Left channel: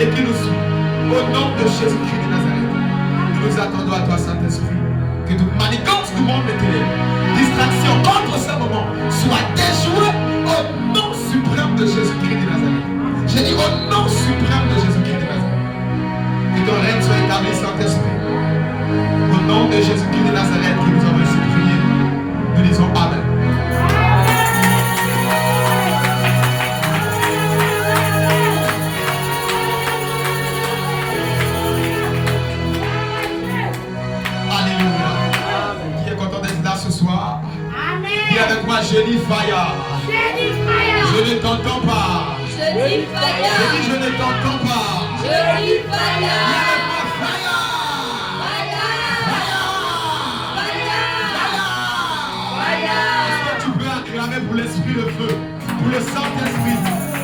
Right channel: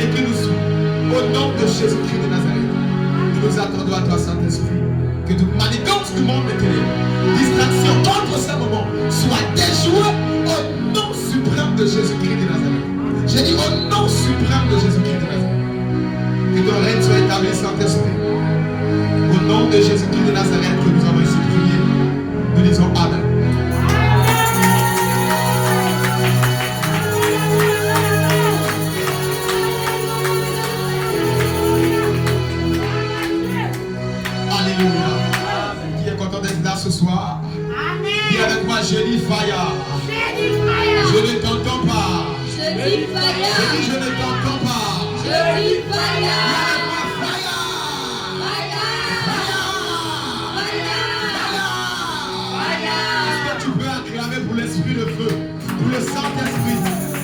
et qui nous suit. Au nom de Jésus-Christ de Nazareth, nous nous attendons à toi, Saint-Esprit, que toute manigance du monde de ténèbres, distraction contre ce moment, soit déjouée au nom suprême de Jésus-Christ de Nazareth. J'ai dit au nom suprême de Jésus-Christ de Nazareth. Que ton règne soit établi, Saint-Esprit. Au nom de Jésus-Christ de Nazareth que nous avons ainsi prié, nous disons Amen. Alléluia. Qui est content d'être là ce soir? Amen. Dis avec moi, je dis fire. Je ne t'entends pas. Je dis fire. Je dis je ne t'entends pas. Je dis fire. Pour l'esprit, le feu, pour le Saint-Esprit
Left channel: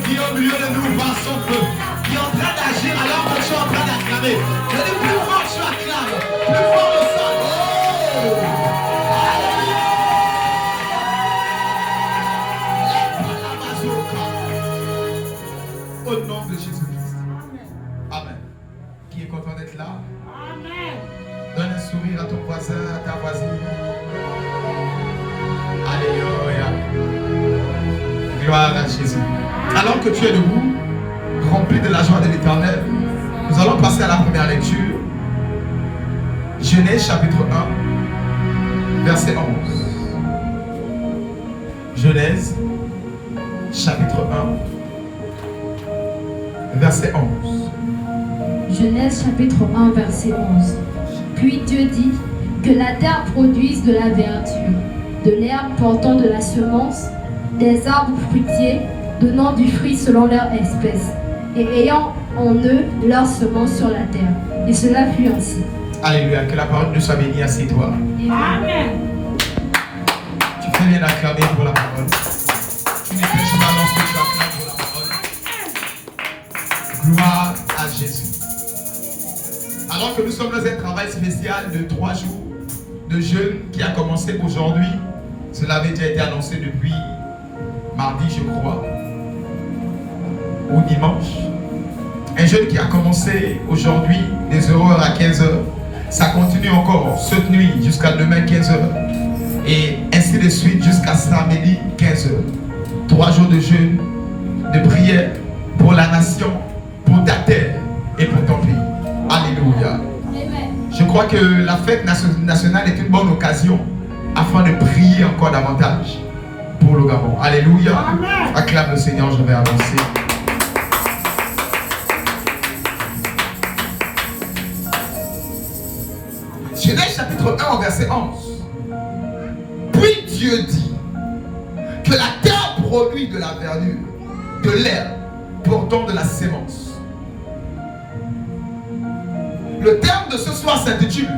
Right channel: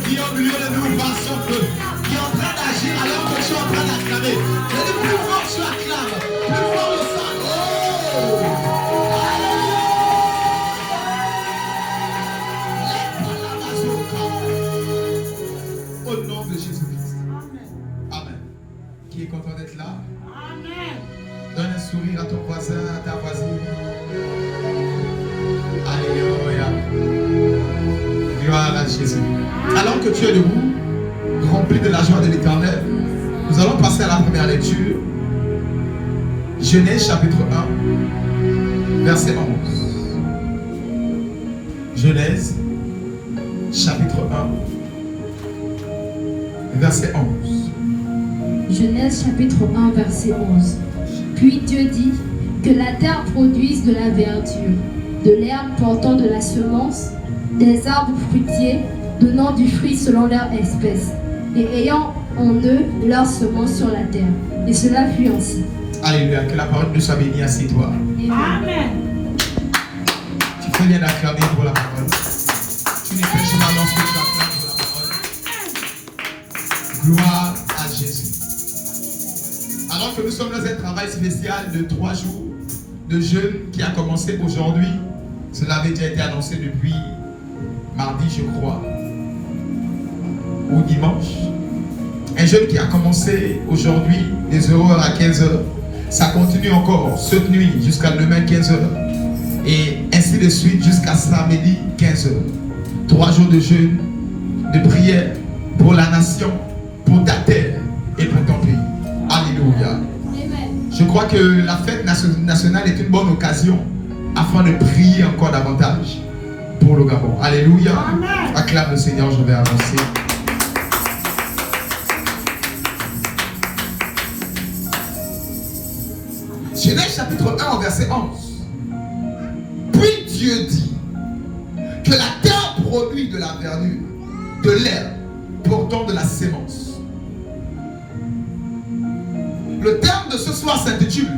qui est au milieu de nous par son feu, qui est en train d'agir alors que tu es en train d'acclamer. Je dis plus fort tu acclames, plus fort le sang. Oh! Alléluia! Au nom de Jésus-Christ. Amen. Qui est content d'être là? Amen. Donne un sourire à ton voisin, à ta voisine. Alléluia. Gloire à Jésus. Alors que tu es debout, rempli de la joie de l'Éternel, nous allons passer à la première lecture. Genèse chapitre 1, verset 11. Genèse chapitre 1, verset 11. Genèse chapitre 1, verset 11. Puis Dieu dit que la terre produise de la verdure, de l'herbe portant de la semence, des arbres fruitiers donnant du fruit selon leur espèce, et ayant en eux leur semence sur la terre. Et cela fut ainsi. Alléluia, que la parole de soit bénie, assieds-toi. Amen. Tu fais bien d'acclamer pour la parole. Tu n'es plus chemin que tu acclames pour la parole. Gloire à Jésus. Alors que nous sommes dans un travail spécial de 3 jours de jeûne qui a commencé aujourd'hui, cela avait déjà été annoncé depuis mardi, je crois, ou dimanche. Un jeûne qui a commencé aujourd'hui, des aurores à 15h. Ça continue encore cette nuit jusqu'à demain 15h. Et ainsi de suite jusqu'à samedi 15h. 3 jours de jeûne, de prière pour la nation, pour ta terre et pour ton pays. Alléluia. Je crois que la fête nationale est une bonne occasion afin de prier encore davantage pour le Gabon. Alléluia. Amen. Acclame le Seigneur, je vais avancer. Genèse chapitre 1 verset 11. Puis Dieu dit que la terre produit de la verdure, de l'herbe portant de la sémence. Le terme de ce soir s'intitule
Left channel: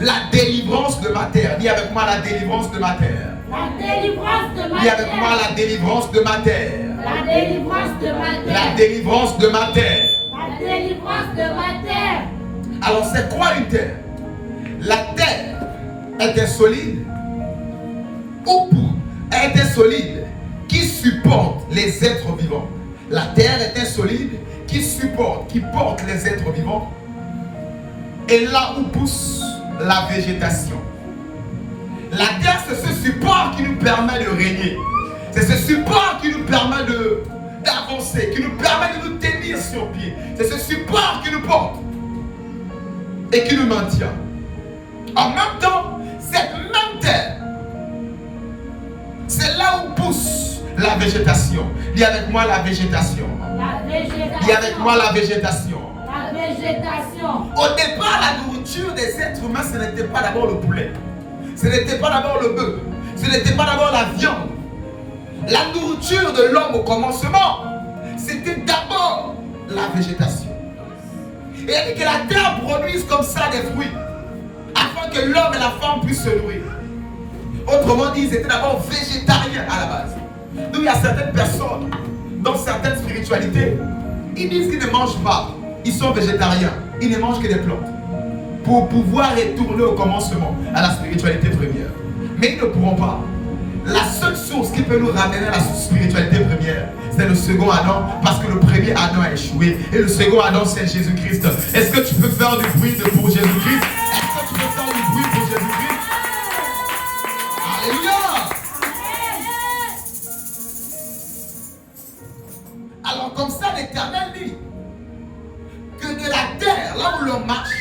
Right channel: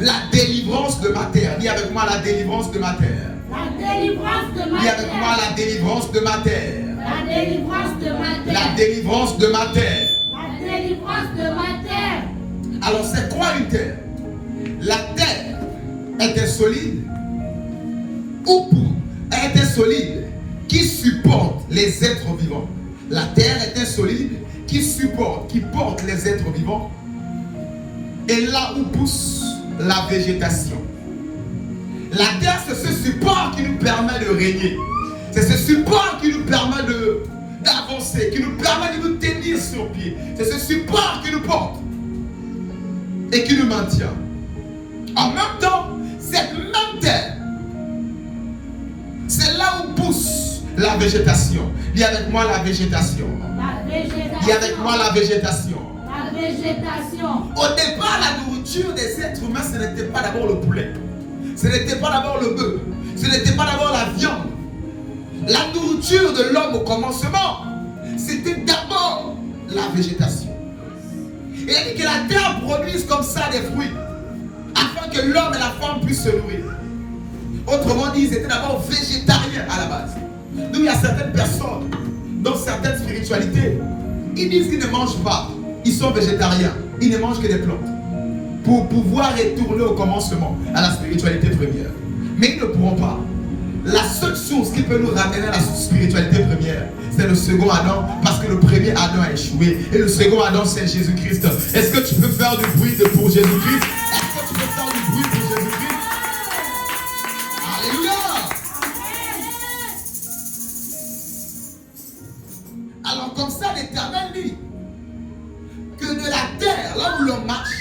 la délivrance de ma terre. Dis avec moi la délivrance de ma terre. La délivrance de ma Dis terre. avec moi la délivrance de ma terre. La délivrance de ma terre. La délivrance de ma terre. La délivrance de ma terre. Alors c'est quoi une terre? La terre était solide ou pour elle était solide qui supporte les êtres vivants. La terre était solide qui supporte, qui porte les êtres vivants. Et là où pousse la végétation. La terre, c'est ce support qui nous permet de régner. C'est ce support qui nous permet d'avancer, qui nous permet de nous tenir sur pied. C'est ce support qui nous porte et qui nous maintient. En même temps, cette même terre, c'est là où pousse la végétation. Dis avec moi la végétation. La végétation. Dis avec moi la végétation. La végétation. Au départ, la nourriture des êtres humains, ce n'était pas d'abord le poulet. Ce n'était pas d'abord le bœuf. Ce n'était pas d'abord la viande. La nourriture de l'homme au commencement, c'était d'abord la végétation. Et il dit que la terre produise comme ça des fruits, afin que l'homme et la femme puissent se nourrir. Autrement dit, ils étaient d'abord végétariens à la base. Donc il y a certaines personnes, dans certaines spiritualités, ils disent qu'ils ne mangent pas. Ils sont végétariens. Ils ne mangent que des plantes. Pour pouvoir retourner au commencement, à la spiritualité première. Mais ils ne pourront pas. la seule source qui peut nous ramener à la spiritualité première, c'est le second Adam, parce que le premier Adam a échoué. Et le second Adam, c'est Jésus-Christ. Est-ce que tu peux faire du bruit pour Jésus-Christ? Est-ce que tu peux faire du bruit pour Jésus-Christ? Alléluia! Alors comme ça, l'Éternel dit que de la terre, là où l'on marche,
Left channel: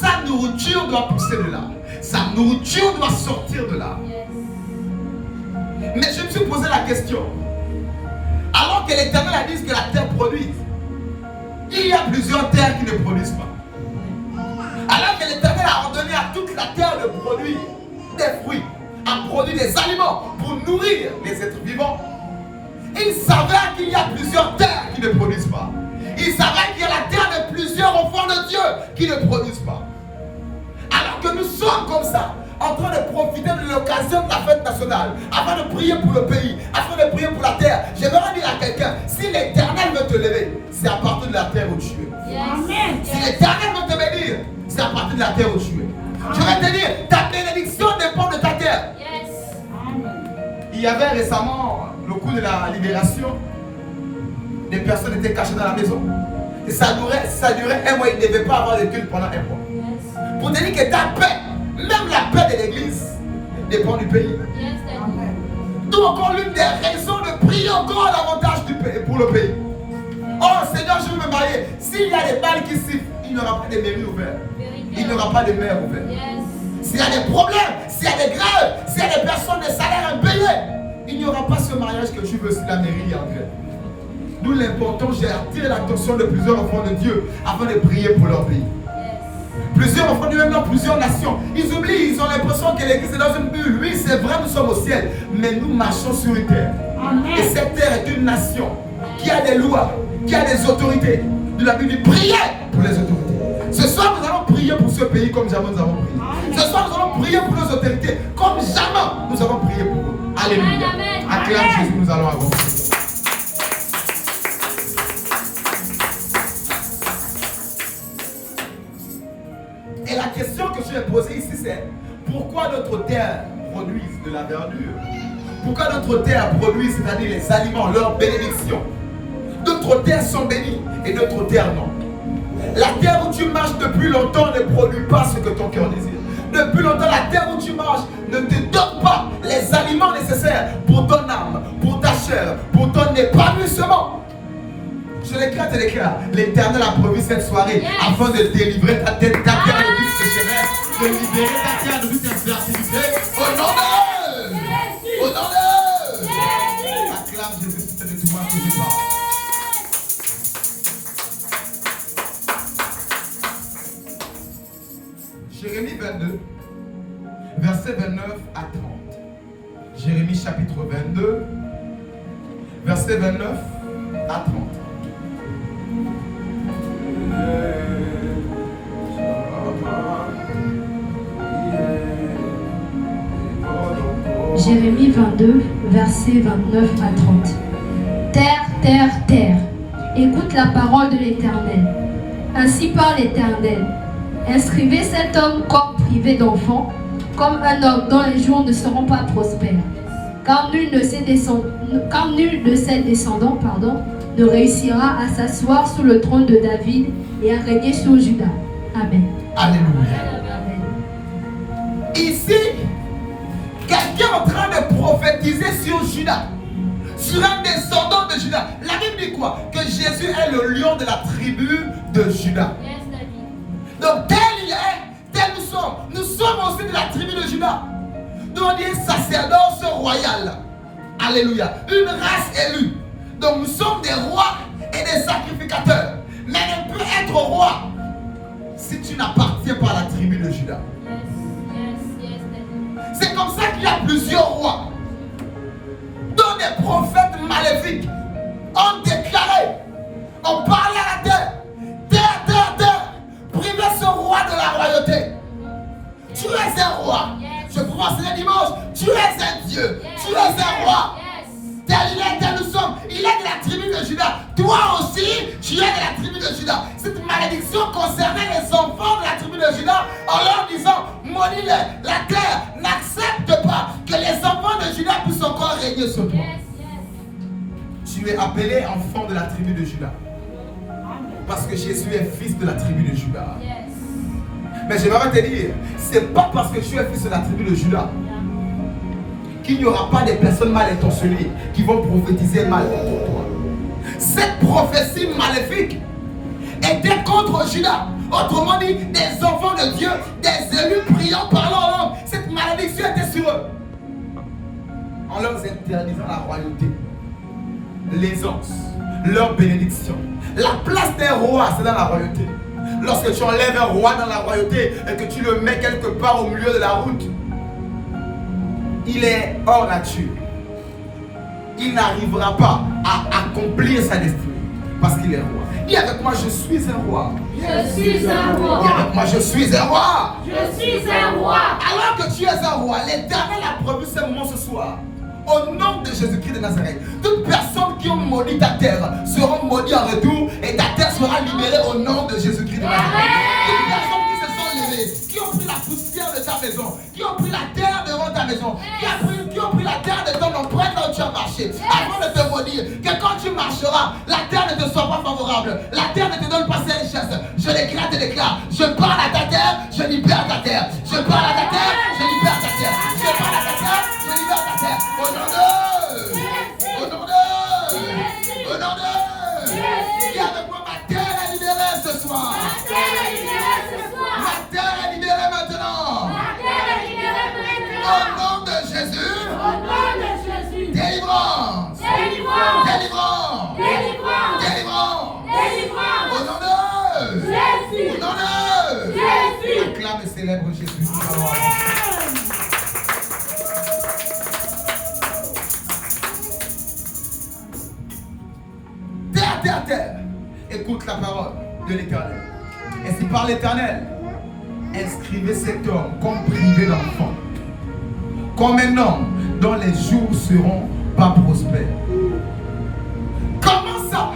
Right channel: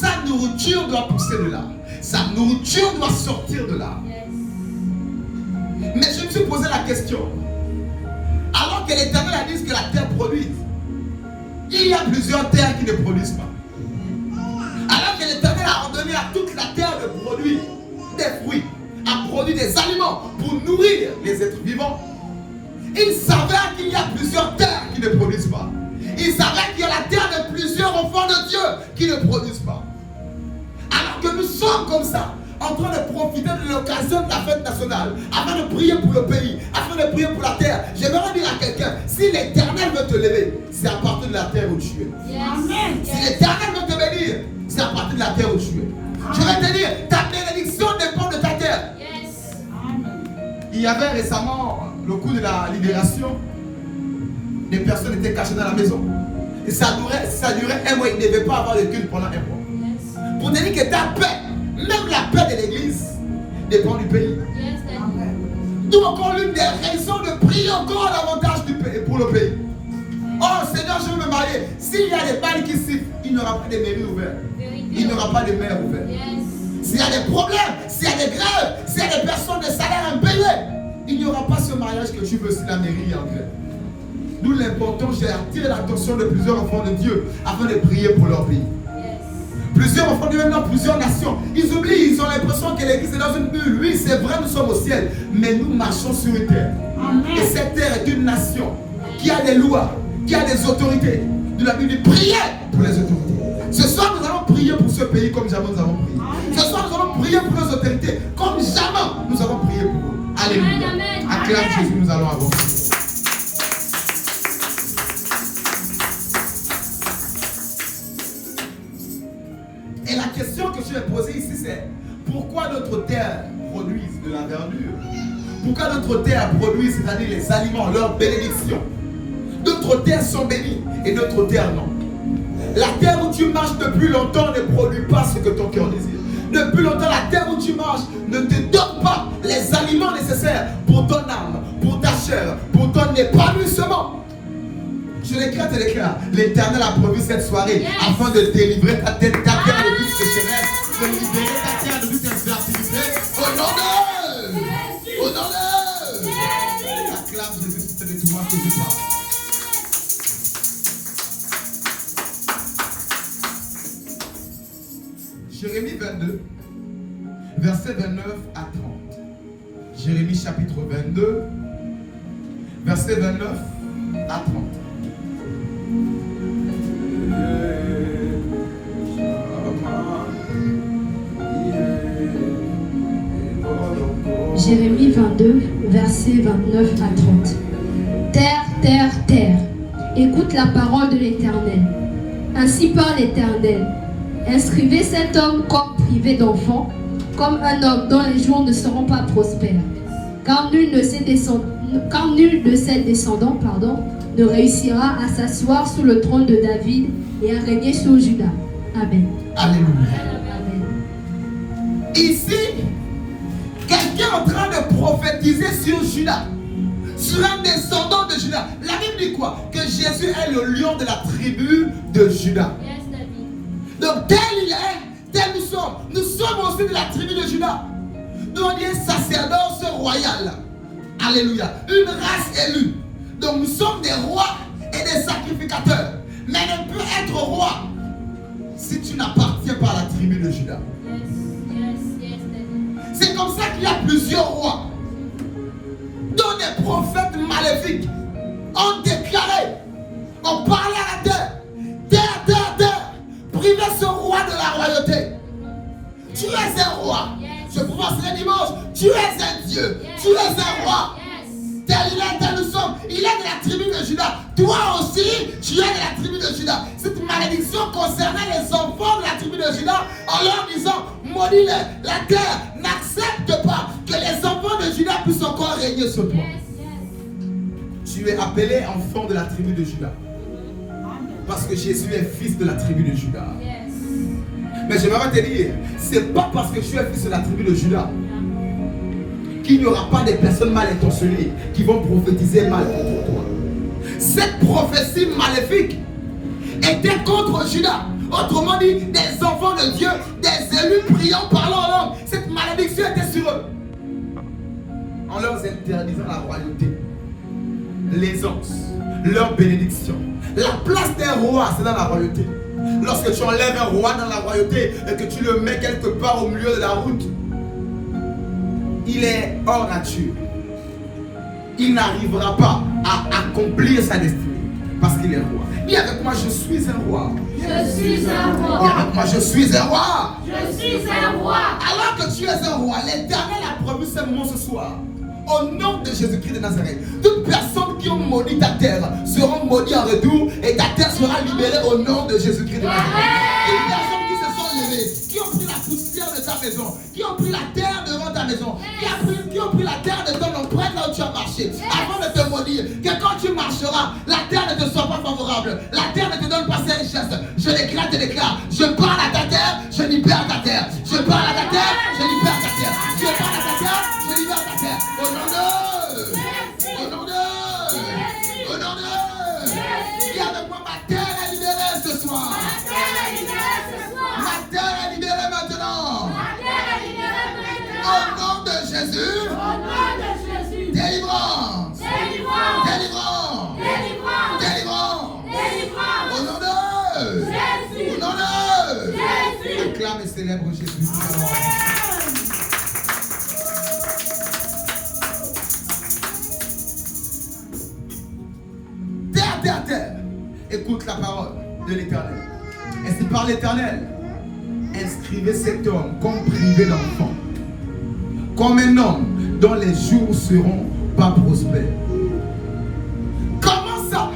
sa nourriture doit pousser de là. Sa nourriture doit sortir de là. Mais je me suis posé la question. Alors que l'Éternel a dit que la terre produit, il y a plusieurs terres qui ne produisent pas. Alors que l'Éternel a ordonné à toute la terre de produire des fruits, à produire des aliments pour nourrir les êtres vivants, il savait qu'il y a plusieurs terres qui ne produisent pas. Il savait qu'il y a la terre de plusieurs enfants de Dieu qui ne produisent pas. Alors que nous sommes comme ça, en train de profiter de l'occasion de la fête nationale, afin de prier pour le pays, afin de prier pour la terre. J'aimerais dire à quelqu'un, si l'Éternel veut te lever, c'est à partir de la terre où tu es. Amen. Si l'Éternel veut te bénir, c'est à partir de la terre où tu es. Je vais te dire, ta bénédiction dépend de ta terre. Il y avait récemment, le coup de la libération, des personnes étaient cachées dans la maison. Et ça durait un mois, ils ne devaient pas avoir de culte pendant un mois. Pour te dire que ta paix, même la paix de l'église, dépend du pays. D'où encore l'une des raisons de prier encore davantage pour le pays. Oh Seigneur, je veux me marier. S'il y a des balles qui sifflent, il n'y aura pas de mairies ouvertes. Il n'y aura pas de maires ouvertes. S'il y a des problèmes, s'il y a des grèves, s'il y a des personnes de salaire impayés, il n'y aura pas ce mariage que tu veux si la mairie est en grève. D'où l'importance, j'ai attiré l'attention de plusieurs enfants de Dieu afin de prier pour leur pays. Plusieurs enfants de Dieu, même dans plusieurs nations, ils oublient, ils ont l'impression que l'église est dans une bulle. Oui, c'est vrai, nous sommes au ciel, mais nous marchons sur une terre. Et cette terre est une nation qui a des lois, qui a des autorités. De la Bible dit priez pour les autorités. Ce soir, nous allons prier pour ce pays comme jamais nous avons prié. Ce soir, nous allons prier pour nos autorités comme jamais nous avons prié pour eux. Alléluia. Acclame Jésus, nous allons avancer. Et la question que je vais poser ici, c'est pourquoi notre terre produit de la verdure? Pourquoi notre terre produit, c'est-à-dire les aliments, leur bénédiction? D'autres terres sont bénies et d'autres terres non. La terre où tu marches depuis longtemps ne produit pas ce que ton cœur désire. Depuis longtemps, la terre où tu marches ne te donne pas les aliments nécessaires pour ton âme, pour ta chair, pour ton épanouissement. Je l'écris et l'écris. L'Éternel a promis cette soirée afin de délivrer ta terre de toute sécheresse, de libérer ta terre de toute infertilité. Au nom d'eux! Au nom d'eux! Acclame Jésus, c'est de toi que je parle. Jérémie 22, versets 29 à 30. Jérémie chapitre 22, versets 29 à 30. Jérémie 22, versets 29 à 30. Terre, terre, terre, écoute la parole de l'Éternel. Ainsi parle l'Éternel. Inscrivez cet homme comme privé d'enfant, comme un homme dont les jours ne seront pas prospères. Car nul de ses descendants ne réussira à s'asseoir sous le trône de David et à régner sur Juda. Amen. Alléluia. Amen. Ici, quelqu'un est en train de prophétiser sur Juda, sur un descendant de Juda. La Bible dit quoi? Que Jésus est le lion de la tribu de Juda. Donc tel il est, tel nous sommes. Nous sommes aussi de la tribu de Juda. Nous on est sacerdoce royal. Alléluia. Une race élue. Donc nous sommes des rois et des sacrificateurs. Mais ne peut être roi si tu n'appartiens pas à la tribu de Juda. C'est comme ça qu'il y a plusieurs rois dont des prophètes maléfiques ont déclaré, ont parlé à la terre. Terre, terre, terre, privez ce roi de la royauté. Tu es un roi. Je crois que c'est le dimanche. Tu es un Dieu. Tu es un roi. Tel il est, tel nous sommes. Il est de la tribu de Juda. Toi aussi, tu es de la tribu de Juda. Cette malédiction concernait les enfants de la tribu de Juda en leur disant, maudis-les. La terre n'accepte pas que les enfants de Juda appelé enfant de la tribu de Juda. Parce que Jésus est fils de la tribu de Juda. Mais je vais te dire, c'est pas parce que tu es fils de la tribu de Juda qu'il n'y aura pas des personnes mal intentionnées qui vont prophétiser mal contre toi. Cette prophétie maléfique était contre Juda. Autrement dit, des enfants de Dieu, des élus priant, parlant en langue. Cette malédiction était sur eux. En leur interdisant la royauté, l'aisance, leur bénédiction. La place des rois, c'est dans la royauté. Lorsque tu enlèves un roi dans la royauté et que tu le mets quelque part au milieu de la route, il est hors nature. Il n'arrivera pas à accomplir sa destinée parce qu'il est roi. Dis avec moi, je suis un roi. Je suis un roi. Dis avec moi, je suis un roi. Je suis un roi. Alors que tu es un roi, l'Éternel a prévu ce moment ce soir. Au nom de Jésus-Christ de Nazareth, toutes personnes qui ont maudit ta terre seront maudites en retour et ta terre sera libérée au nom de Jésus-Christ de Nazareth. Toutes personnes qui se sont levées, qui ont pris la poussière de ta maison, qui ont pris la terre devant ta maison, qui ont pris la terre de ton empreinte quand tu as marché, avant de te maudire, que quand tu marcheras, la terre ne te soit pas favorable, la terre ne te donne pas ses richesses. Je déclare, te déclare, je parle à ta terre, je libère ta terre. Je parle à ta terre, je libère ta terre. Je parle à ta terre, je libère ta terre. Au nom de, au nom de, au nom de. Dis avec moi, ma terre est libérée ce soir. Ma terre est libérée ce soir. Ma terre est libérée maintenant. Ma terre est libérée maintenant. Au nom de Jésus. Au nom de Jésus. Délivrance. Délivrance. Délivrance. Délivrance. Délivrance. Délivrance. Au nom de Jésus. au nom de Jésus. acclame et célèbre Jésus. Terre, écoute la parole de l'Éternel. Ainsi par l'Éternel, inscrivez cet homme comme privé d'enfant, comme un homme dont les jours seront pas prospères. Comment ça?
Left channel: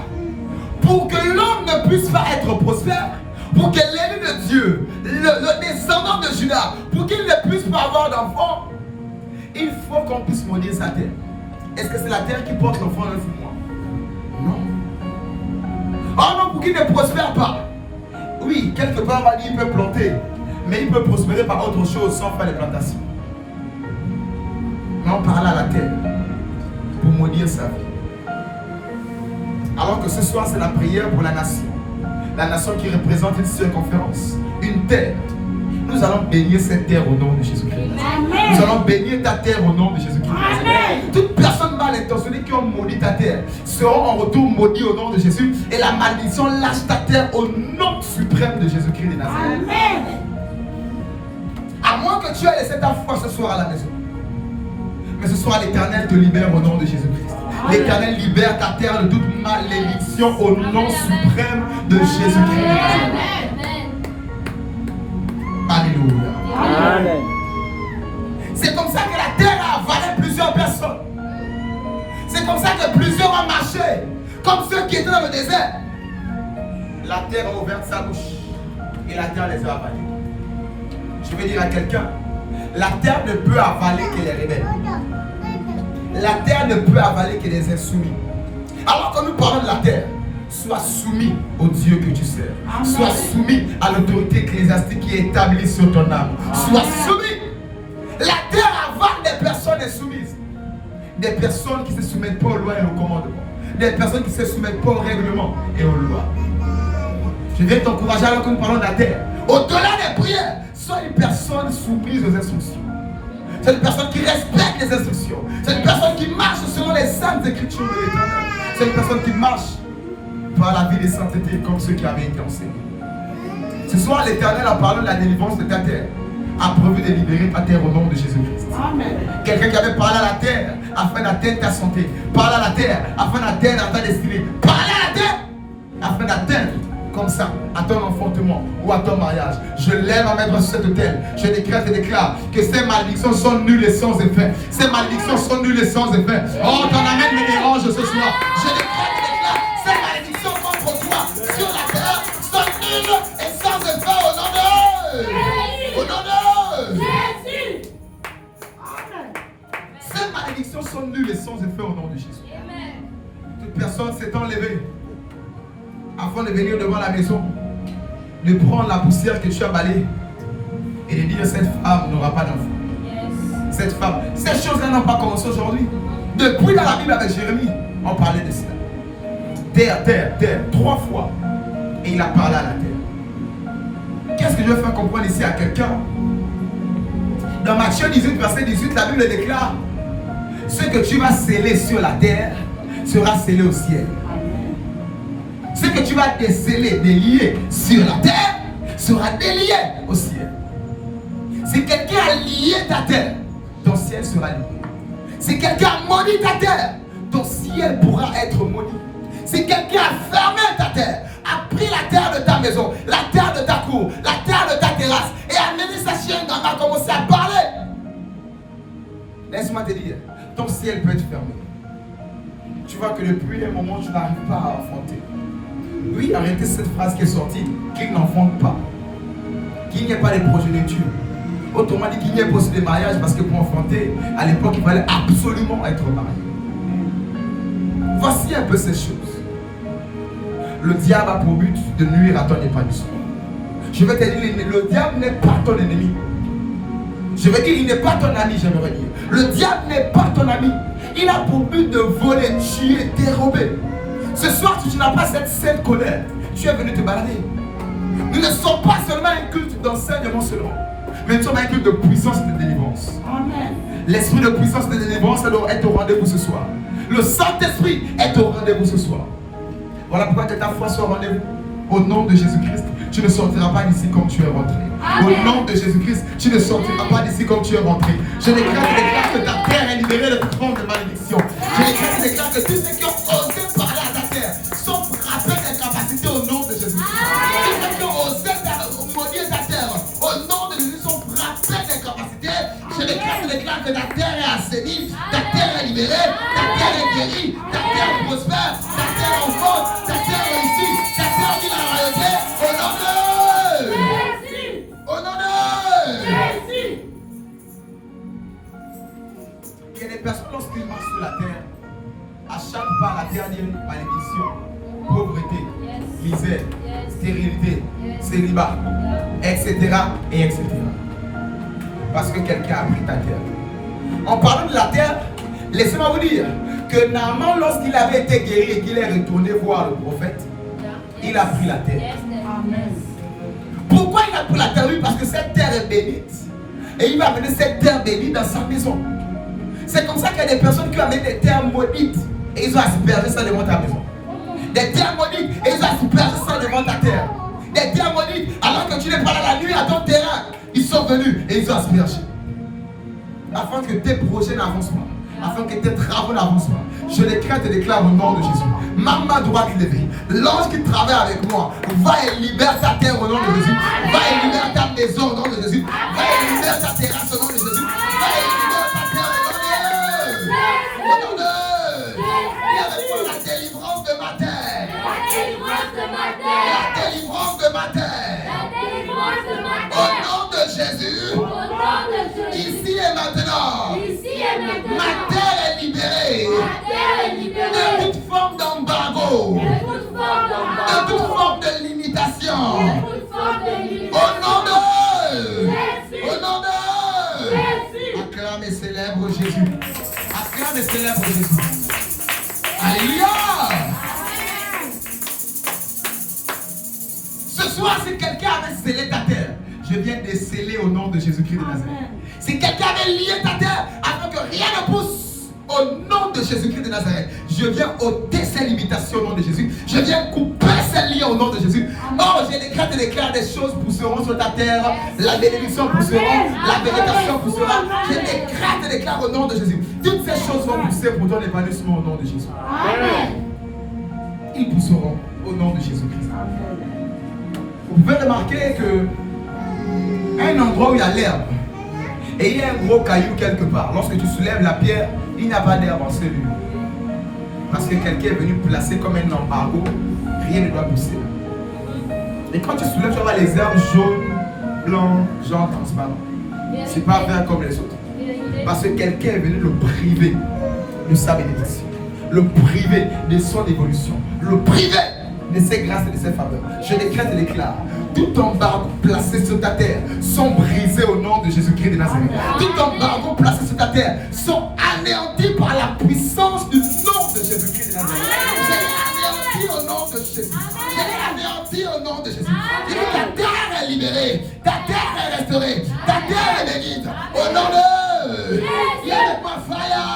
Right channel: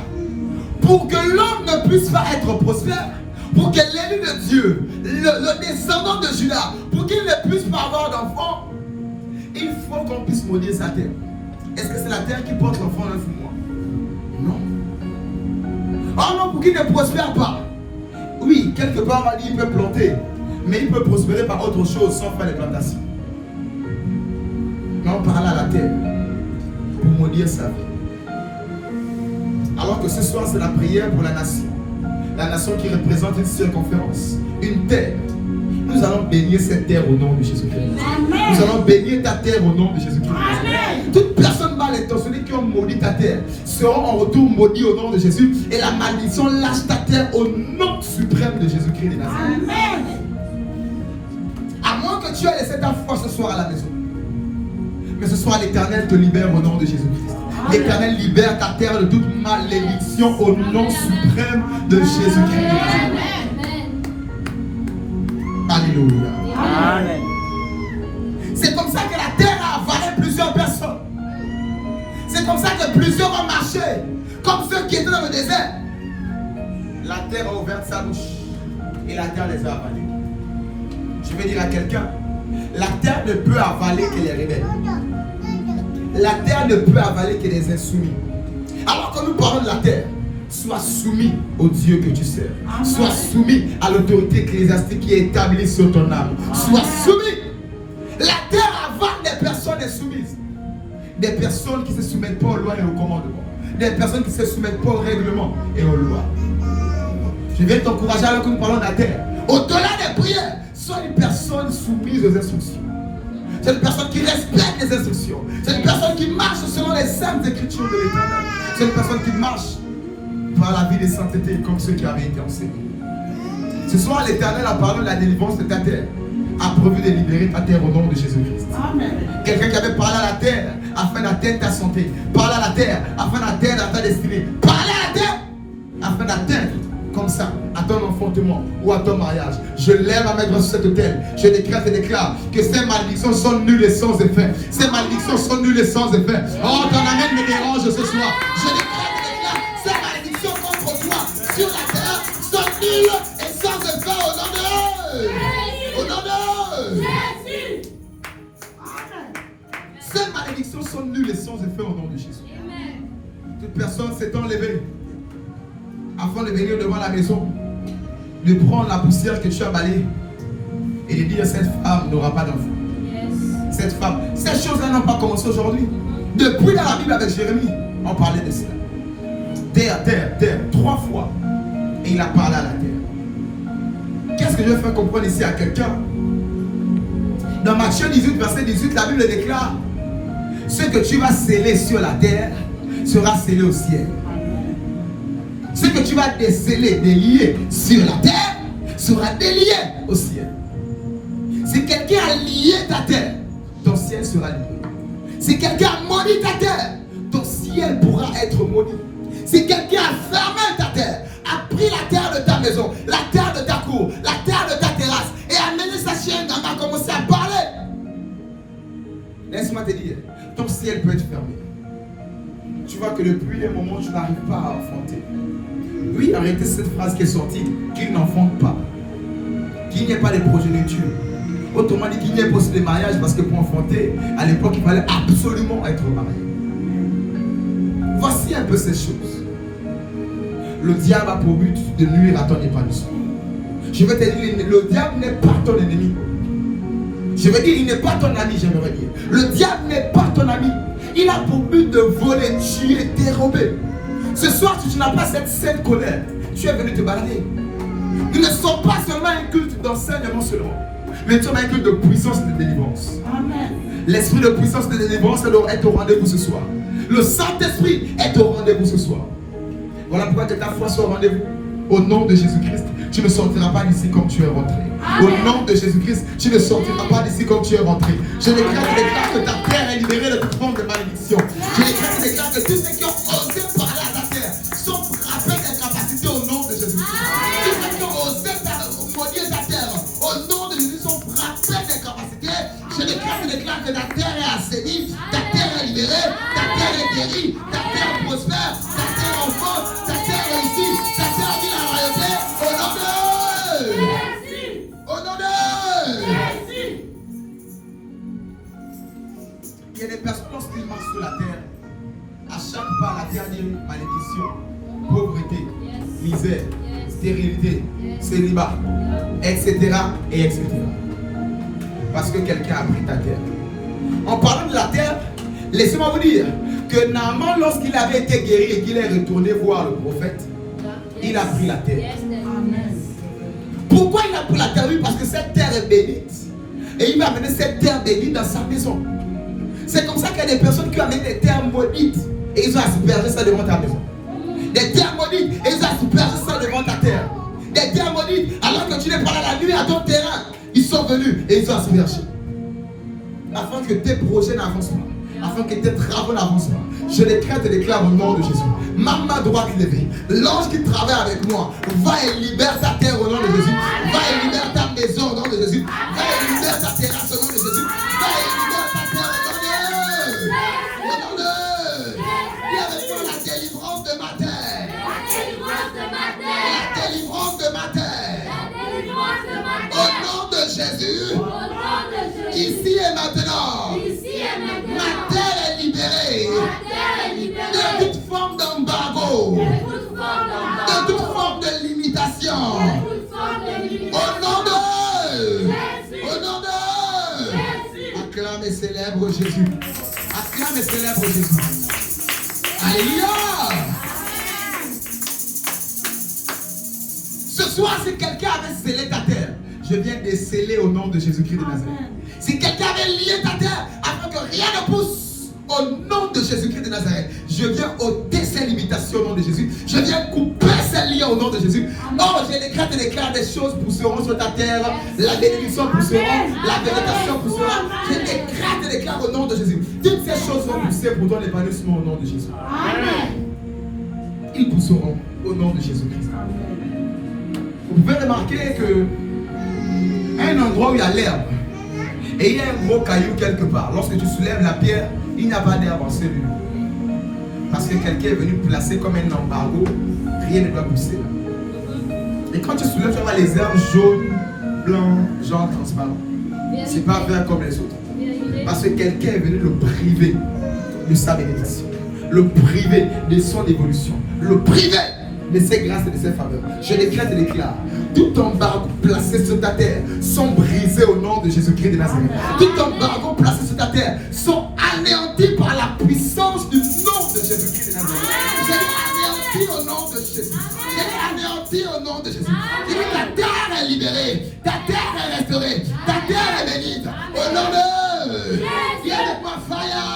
Pour que l'homme ne puisse pas être prospère, pour que l'élu de Dieu, le descendant de Judas, pour qu'il ne puisse pas avoir d'enfant, il faut qu'on puisse maudire sa terre. Est-ce que c'est la terre qui porte l'enfant 9 mois? Non. Oh non, pour qu'il ne prospère pas. Oui, quelque part on va dire qu'il peut planter, mais il peut prospérer par autre chose sans faire les plantations. Mais on parle à la terre pour maudire sa vie. Alors que ce soir c'est la prière pour la nation. La nation qui représente une circonférence, une terre. Nous allons bénir cette terre au nom de Jésus-Christ. Nous allons bénir ta terre au nom de Jésus-Christ. Toutes personnes mal intentionnées qui ont maudit ta terre seront en retour maudites au nom de Jésus. Et la malédiction lâche ta terre au nom suprême de Jésus-Christ de Nazareth. À moins que tu aies laissé ta foi ce soir à la maison. Mais ce soir l'Éternel te libère au nom de Jésus-Christ. L'Éternel libère ta terre de toute malédiction au nom suprême de Jésus-Christ. Alléluia. Amen. C'est comme ça que la terre a avalé plusieurs personnes. C'est comme ça que plusieurs ont marché. Comme ceux qui étaient dans le désert. La terre a ouvert sa bouche. Et la terre les a avalés. Je veux dire à quelqu'un, la terre ne peut avaler que les rebelles. La terre ne peut avaler que les insoumis. Alors que nous parlons de la terre, sois soumis au Dieu que tu sers. Sois soumis à l'autorité ecclésiastique qui est établie sur ton âme. Sois soumis. La terre avale des personnes insoumises. Des personnes qui ne se soumettent pas aux lois et aux commandements. Des personnes qui ne se soumettent pas aux règlements et aux lois. Je viens t'encourager alors que nous parlons de la terre. Au-delà des prières, sois une personne soumise aux instructions. C'est une personne qui respecte les instructions. C'est une personne qui marche selon les saintes écritures de l'Éternel. C'est une personne qui marche par la vie de sainteté comme ceux qui avaient été enseignés. Ce soir, l'Éternel a parlé de la délivrance de ta terre. A prévu de libérer ta terre au nom de Jésus-Christ. Quelqu'un qui avait parlé à la terre afin d'atteindre ta santé. Parle à la terre afin d'atteindre ta destinée. Parle à la terre afin d'atteindre comme ça à ton enfantement ou à ton mariage. Je lève à mettre sur cette terre. Je décrète et déclare que ces malédictions sont nulles et sans effet. Ces malédictions sont nulles et sans effet. Oh, ton amène me dérange ce soir. Je décrète et déclare ces malédictions contre toi sur la terre sont nulles et sans effet au nom de au nom de Jésus. ces malédictions sont nulles et sans effet au nom de Jésus. Toute personne avant de venir devant la maison, de prendre la poussière que tu as balayée et de dire cette femme n'aura pas d'enfant. Cette femme, ces choses-là n'ont pas commencé aujourd'hui. Depuis dans la Bible avec Jérémie, on parlait de cela. Terre, terre, terre, 3 fois. Et il a parlé à la terre. Qu'est-ce que je veux faire comprendre ici à quelqu'un? Dans Matthieu 18, verset 18, la Bible déclare: ce que tu vas sceller sur la terre sera scellé au ciel. Ce que tu vas déceler, délier sur la terre sera délié au ciel. Si quelqu'un a lié ta terre, ton ciel sera lié. Si quelqu'un a maudit ta terre, ton ciel pourra être maudit. Si quelqu'un a fermé ta terre, a pris la terre de ta maison, la terre de ta cour, la terre de ta terrasse, et a mené sa chienne quand elle a commencé à parler, laisse-moi te dire, ton ciel peut être fermé. Tu vois que depuis un moment, tu n'arrives pas à enfanter. Oui, arrêtez cette phrase qui est sortie, qu'il n'enfante pas, qu'il n'y ait pas de progéniture. Autrement dit, qu'il n'y ait pas aussi de mariage, parce que pour enfanter, à l'époque, il fallait absolument être marié. Voici un peu ces choses. Le diable a pour but de nuire à ton épanouissement. Je vais te dire, le diable n'est pas ton ennemi. Je vais dire, il n'est pas ton ami, j'aimerais dire. Le diable n'est pas ton ami. Il a pour but de voler, tuer, dérober. Ce soir, si tu n'as pas cette sainte colère, tu es venu te balader. Nous ne sommes pas seulement un culte d'enseignement seulement, mais nous sommes un culte de puissance et de délivrance. Amen. L'esprit de puissance et de délivrance est au rendez-vous ce soir. Le Saint-Esprit est au rendez-vous ce soir. Voilà pourquoi que ta foi soit au rendez-vous. Au nom de Jésus-Christ, tu ne sortiras pas d'ici comme tu es rentré. Amen. Au nom de Jésus-Christ, tu ne sortiras pas d'ici comme tu es rentré. Je déclare que ta terre est libérée de toute forme de malédiction. Je déclare que tous ceux qui ont osé parler à ta terre sont frappés d'incapacité au nom de Jésus-Christ. Tous ceux qui ont osé maudire ta terre, au nom de Jésus, sont frappés d'incapacité. Je déclare que ta terre est assainie, ta terre est libérée, ta terre est guérie, ta terre prospère, ta terre enfante, ta terre réussit, ta terre dit la réalité. Au nom de Jésus. Au nom de Jésus. Il y a des personnes, lorsqu'ils marchent sur la terre, à chaque pas, la terre dit malédiction, pauvreté, misère, stérilité, célibat, etc. et etc. Parce que quelqu'un a pris ta terre. En parlant de la terre, laissez-moi vous dire que Naaman, lorsqu'il avait été guéri et qu'il est retourné voir le prophète, il a pris la terre. Pourquoi il a pris la terre? Parce que cette terre est bénite. Et il va amener cette terre bénite dans sa maison. C'est comme ça qu'il y a des personnes qui ont amené des terres maudites et ils ont aspergé ça devant ta maison. Des terres maudites et ils ont aspergé ça devant ta terre. Des terres maudites, alors que tu n'es pas dans la nuit à ton terrain, ils sont venus et ils ont aspergé. Afin que tes projets n'avancent pas, afin que tes travaux n'avancent pas. Je déclare au nom de Jésus. Ma main droite levée. L'ange qui travaille avec moi, va et libère ta terre au nom de Jésus. Va et libère ta maison au nom de Jésus. Va et libère ta terrasse au nom de Jésus. Va et libère ta terre au nom de Jésus. Viens avec moi la délivrance de ma terre. La délivrance de ma terre. La délivrance de ma terre. La délivrance de ma terre. Au nom de Jésus. Au nom de Jésus. Ici et maintenant. Ici et maintenant. Ma terre est libérée. Ma terre est libérée. De toute forme d'embargo. De toute forme de limitation. Au nom de Jésus. Au nom de Jésus. Acclame et célèbre Jésus. Acclame et célèbre Jésus. Alléluia. Ce soir, si quelqu'un avait scellé ta terre, je viens de sceller au nom de Jésus-Christ de Nazareth. Si quelqu'un avait lié ta terre afin que rien ne pousse, au nom de Jésus-Christ de Nazareth, je viens ôter ces limitations au nom de Jésus. Je viens couper ces liens au nom de Jésus. Oh, je déclare des choses pousseront sur ta terre. La bénédiction poussera, la végétation poussera. Je déclare au nom de Jésus. Toutes ces choses vont pousser pour ton épanouissement au nom de Jésus. Amen. Ils pousseront au nom de Jésus-Christ. Vous pouvez remarquer que un endroit où il y a l'herbe et il y a un gros caillou quelque part, lorsque tu soulèves la pierre, il n'y a pas d'herbe en celui. Parce que quelqu'un est venu placer comme un embargo, rien ne doit pousser. Et quand tu soulèves, tu vois les herbes jaunes, blancs, genre transparents. C'est pas vert comme les autres. Parce que quelqu'un est venu le priver de sa bénédiction, le priver de son évolution, le priver de ses grâces et de ses faveurs. Je décrète et déclare, tout embargo placé sur ta terre sont brisés au nom de Jésus-Christ de Nazareth. Tout embargo placé sur ta terre sont anéantis par la puissance du nom de Jésus-Christ de Nazareth. J'ai anéanti au nom de Jésus. J'ai anéanti au nom de Jésus. Il dit, ta terre est libérée, ta terre est restaurée, ta terre est bénite. Au nom de... Viens avec moi, fire!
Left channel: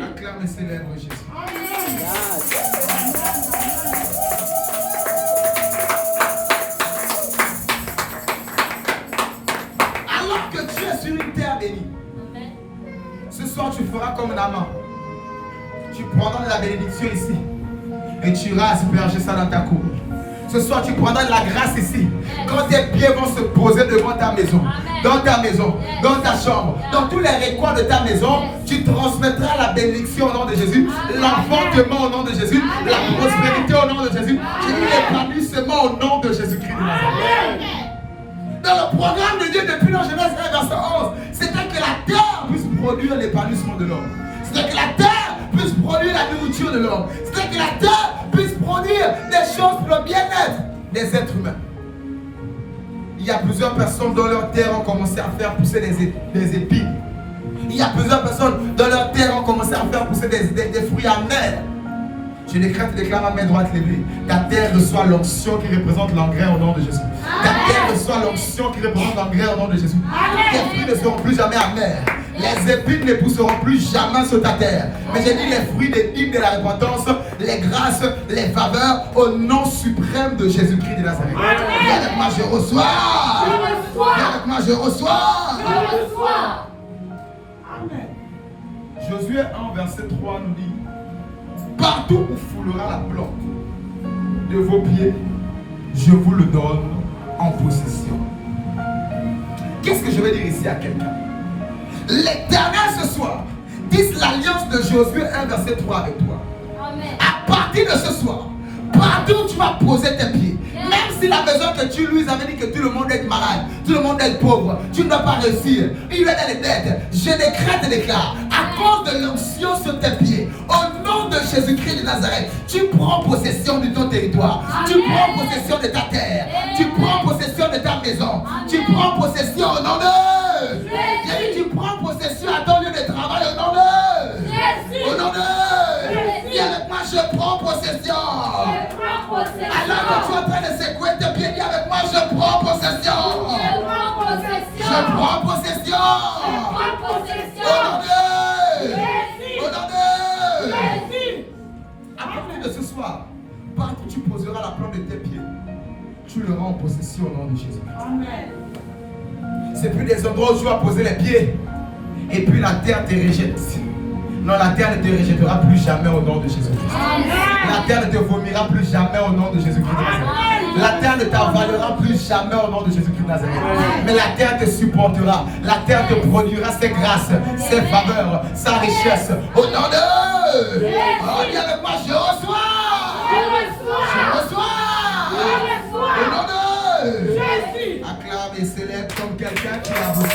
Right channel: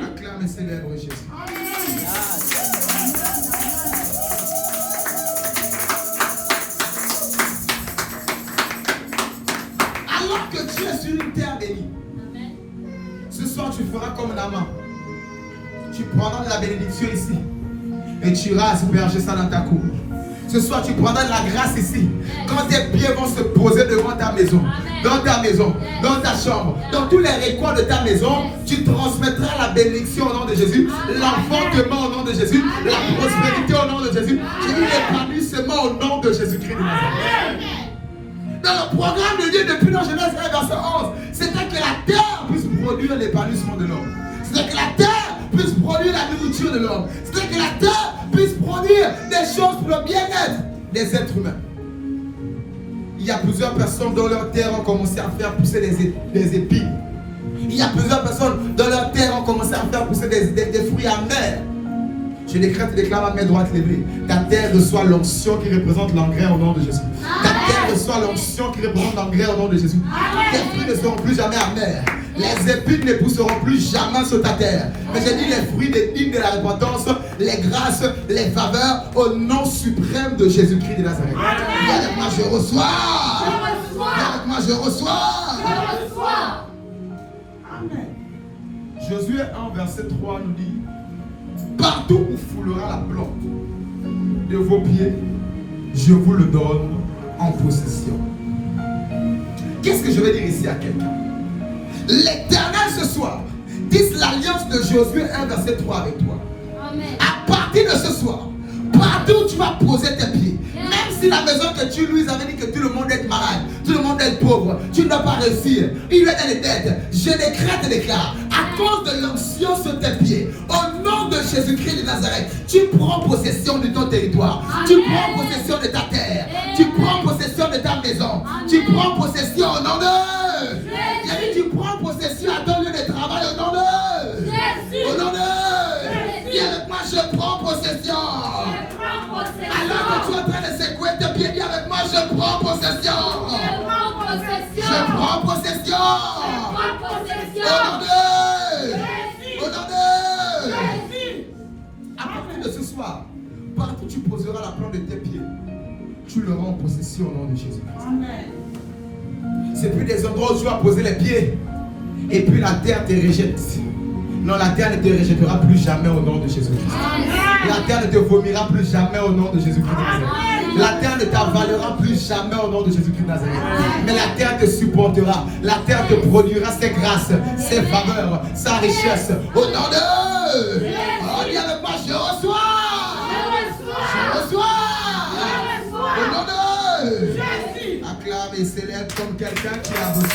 Acclame et célèbre Jésus. Alors que tu es sur une terre bénie, ce soir tu feras comme Naaman. Tu prendras de la bénédiction ici et tu iras asperger ça dans ta cour. Ce soir, tu prendras de la grâce ici. Quand tes pieds vont se poser devant ta maison, dans ta chambre, dans tous les recoins de ta maison, tu transmettras la bénédiction au nom de Jésus, l'enfantement au nom de Jésus, la prospérité au nom de Jésus, l'épanouissement au nom de Jésus-Christ de Nazareth. Dans le programme de Dieu depuis la Genèse 1, verset 11, c'était que la terre puisse produire l'épanouissement de l'homme. C'était que la terre puisse produire la nourriture de l'homme. C'était que la terre puisse produire des choses pour le bien-être des êtres humains. Il y a plusieurs personnes dans leur terre ont commencé à faire pousser des épines. Il y a plusieurs personnes dans leur terre ont commencé à faire pousser des fruits amers. Je décrète et déclare à main droite levée. Ta terre reçoit l'onction qui représente l'engrais au nom de Jésus. Ta terre reçoit l'onction qui représente l'engrais au nom de Jésus. Tes fruits ne seront plus jamais amers. Les épines ne pousseront plus jamais sur ta terre. Mais j'ai dit les fruits d'épines de la repentance, les grâces, les faveurs au nom suprême de Jésus-Christ de Nazareth. Viens avec moi, je reçois. Viens avec moi, je reçois. Amen. Josué 1, verset 3 nous dit, partout où foulera la plante de vos pieds, je vous le donne en possession. Qu'est-ce que je vais dire ici à quelqu'un? L'Éternel ce soir tisse l'alliance de Josué 1, verset 3 avec toi. Amen. À partir de ce soir, partout où tu vas poser tes pieds, même si la maison que tu lui avais dit que tout le monde est malade, tout le monde est pauvre, tu ne dois pas réussir, il est dans les dettes, je décrète et déclare, à cause de l'onction sur tes pieds, au nom de Jésus-Christ de Nazareth, tu prends possession de ton territoire, tu prends possession de ta terre, tu prends possession de ta maison, tu prends possession au nom de... Tu prends possession à ton lieu de travail au nom de... Au nom de... Viens avec moi, je prends possession. Alors que tu es en train de secouer tes pieds, viens avec moi, je prends possession. Je prends possession. Au nom de... Au nom de... À partir de ce soir, partout où tu poseras la plante de tes pieds, tu le rends en possession au nom de Jésus. Amen. C'est plus des endroits où tu vas poser les pieds et puis la terre te rejette. Non, la terre ne te rejettera plus jamais au nom de Jésus-Christ. La terre ne te vomira plus jamais au nom de Jésus-Christ de Nazareth. La terre ne t'avalera plus jamais au nom de Jésus-Christ de Nazareth. Mais la terre te supportera. La terre te produira ses grâces, ses faveurs, sa richesse. Au nom de... Oh, viens avec moi, je reçois. Je reçois. Au nom de... Acclame et célèbre comme quelqu'un qui a reçu.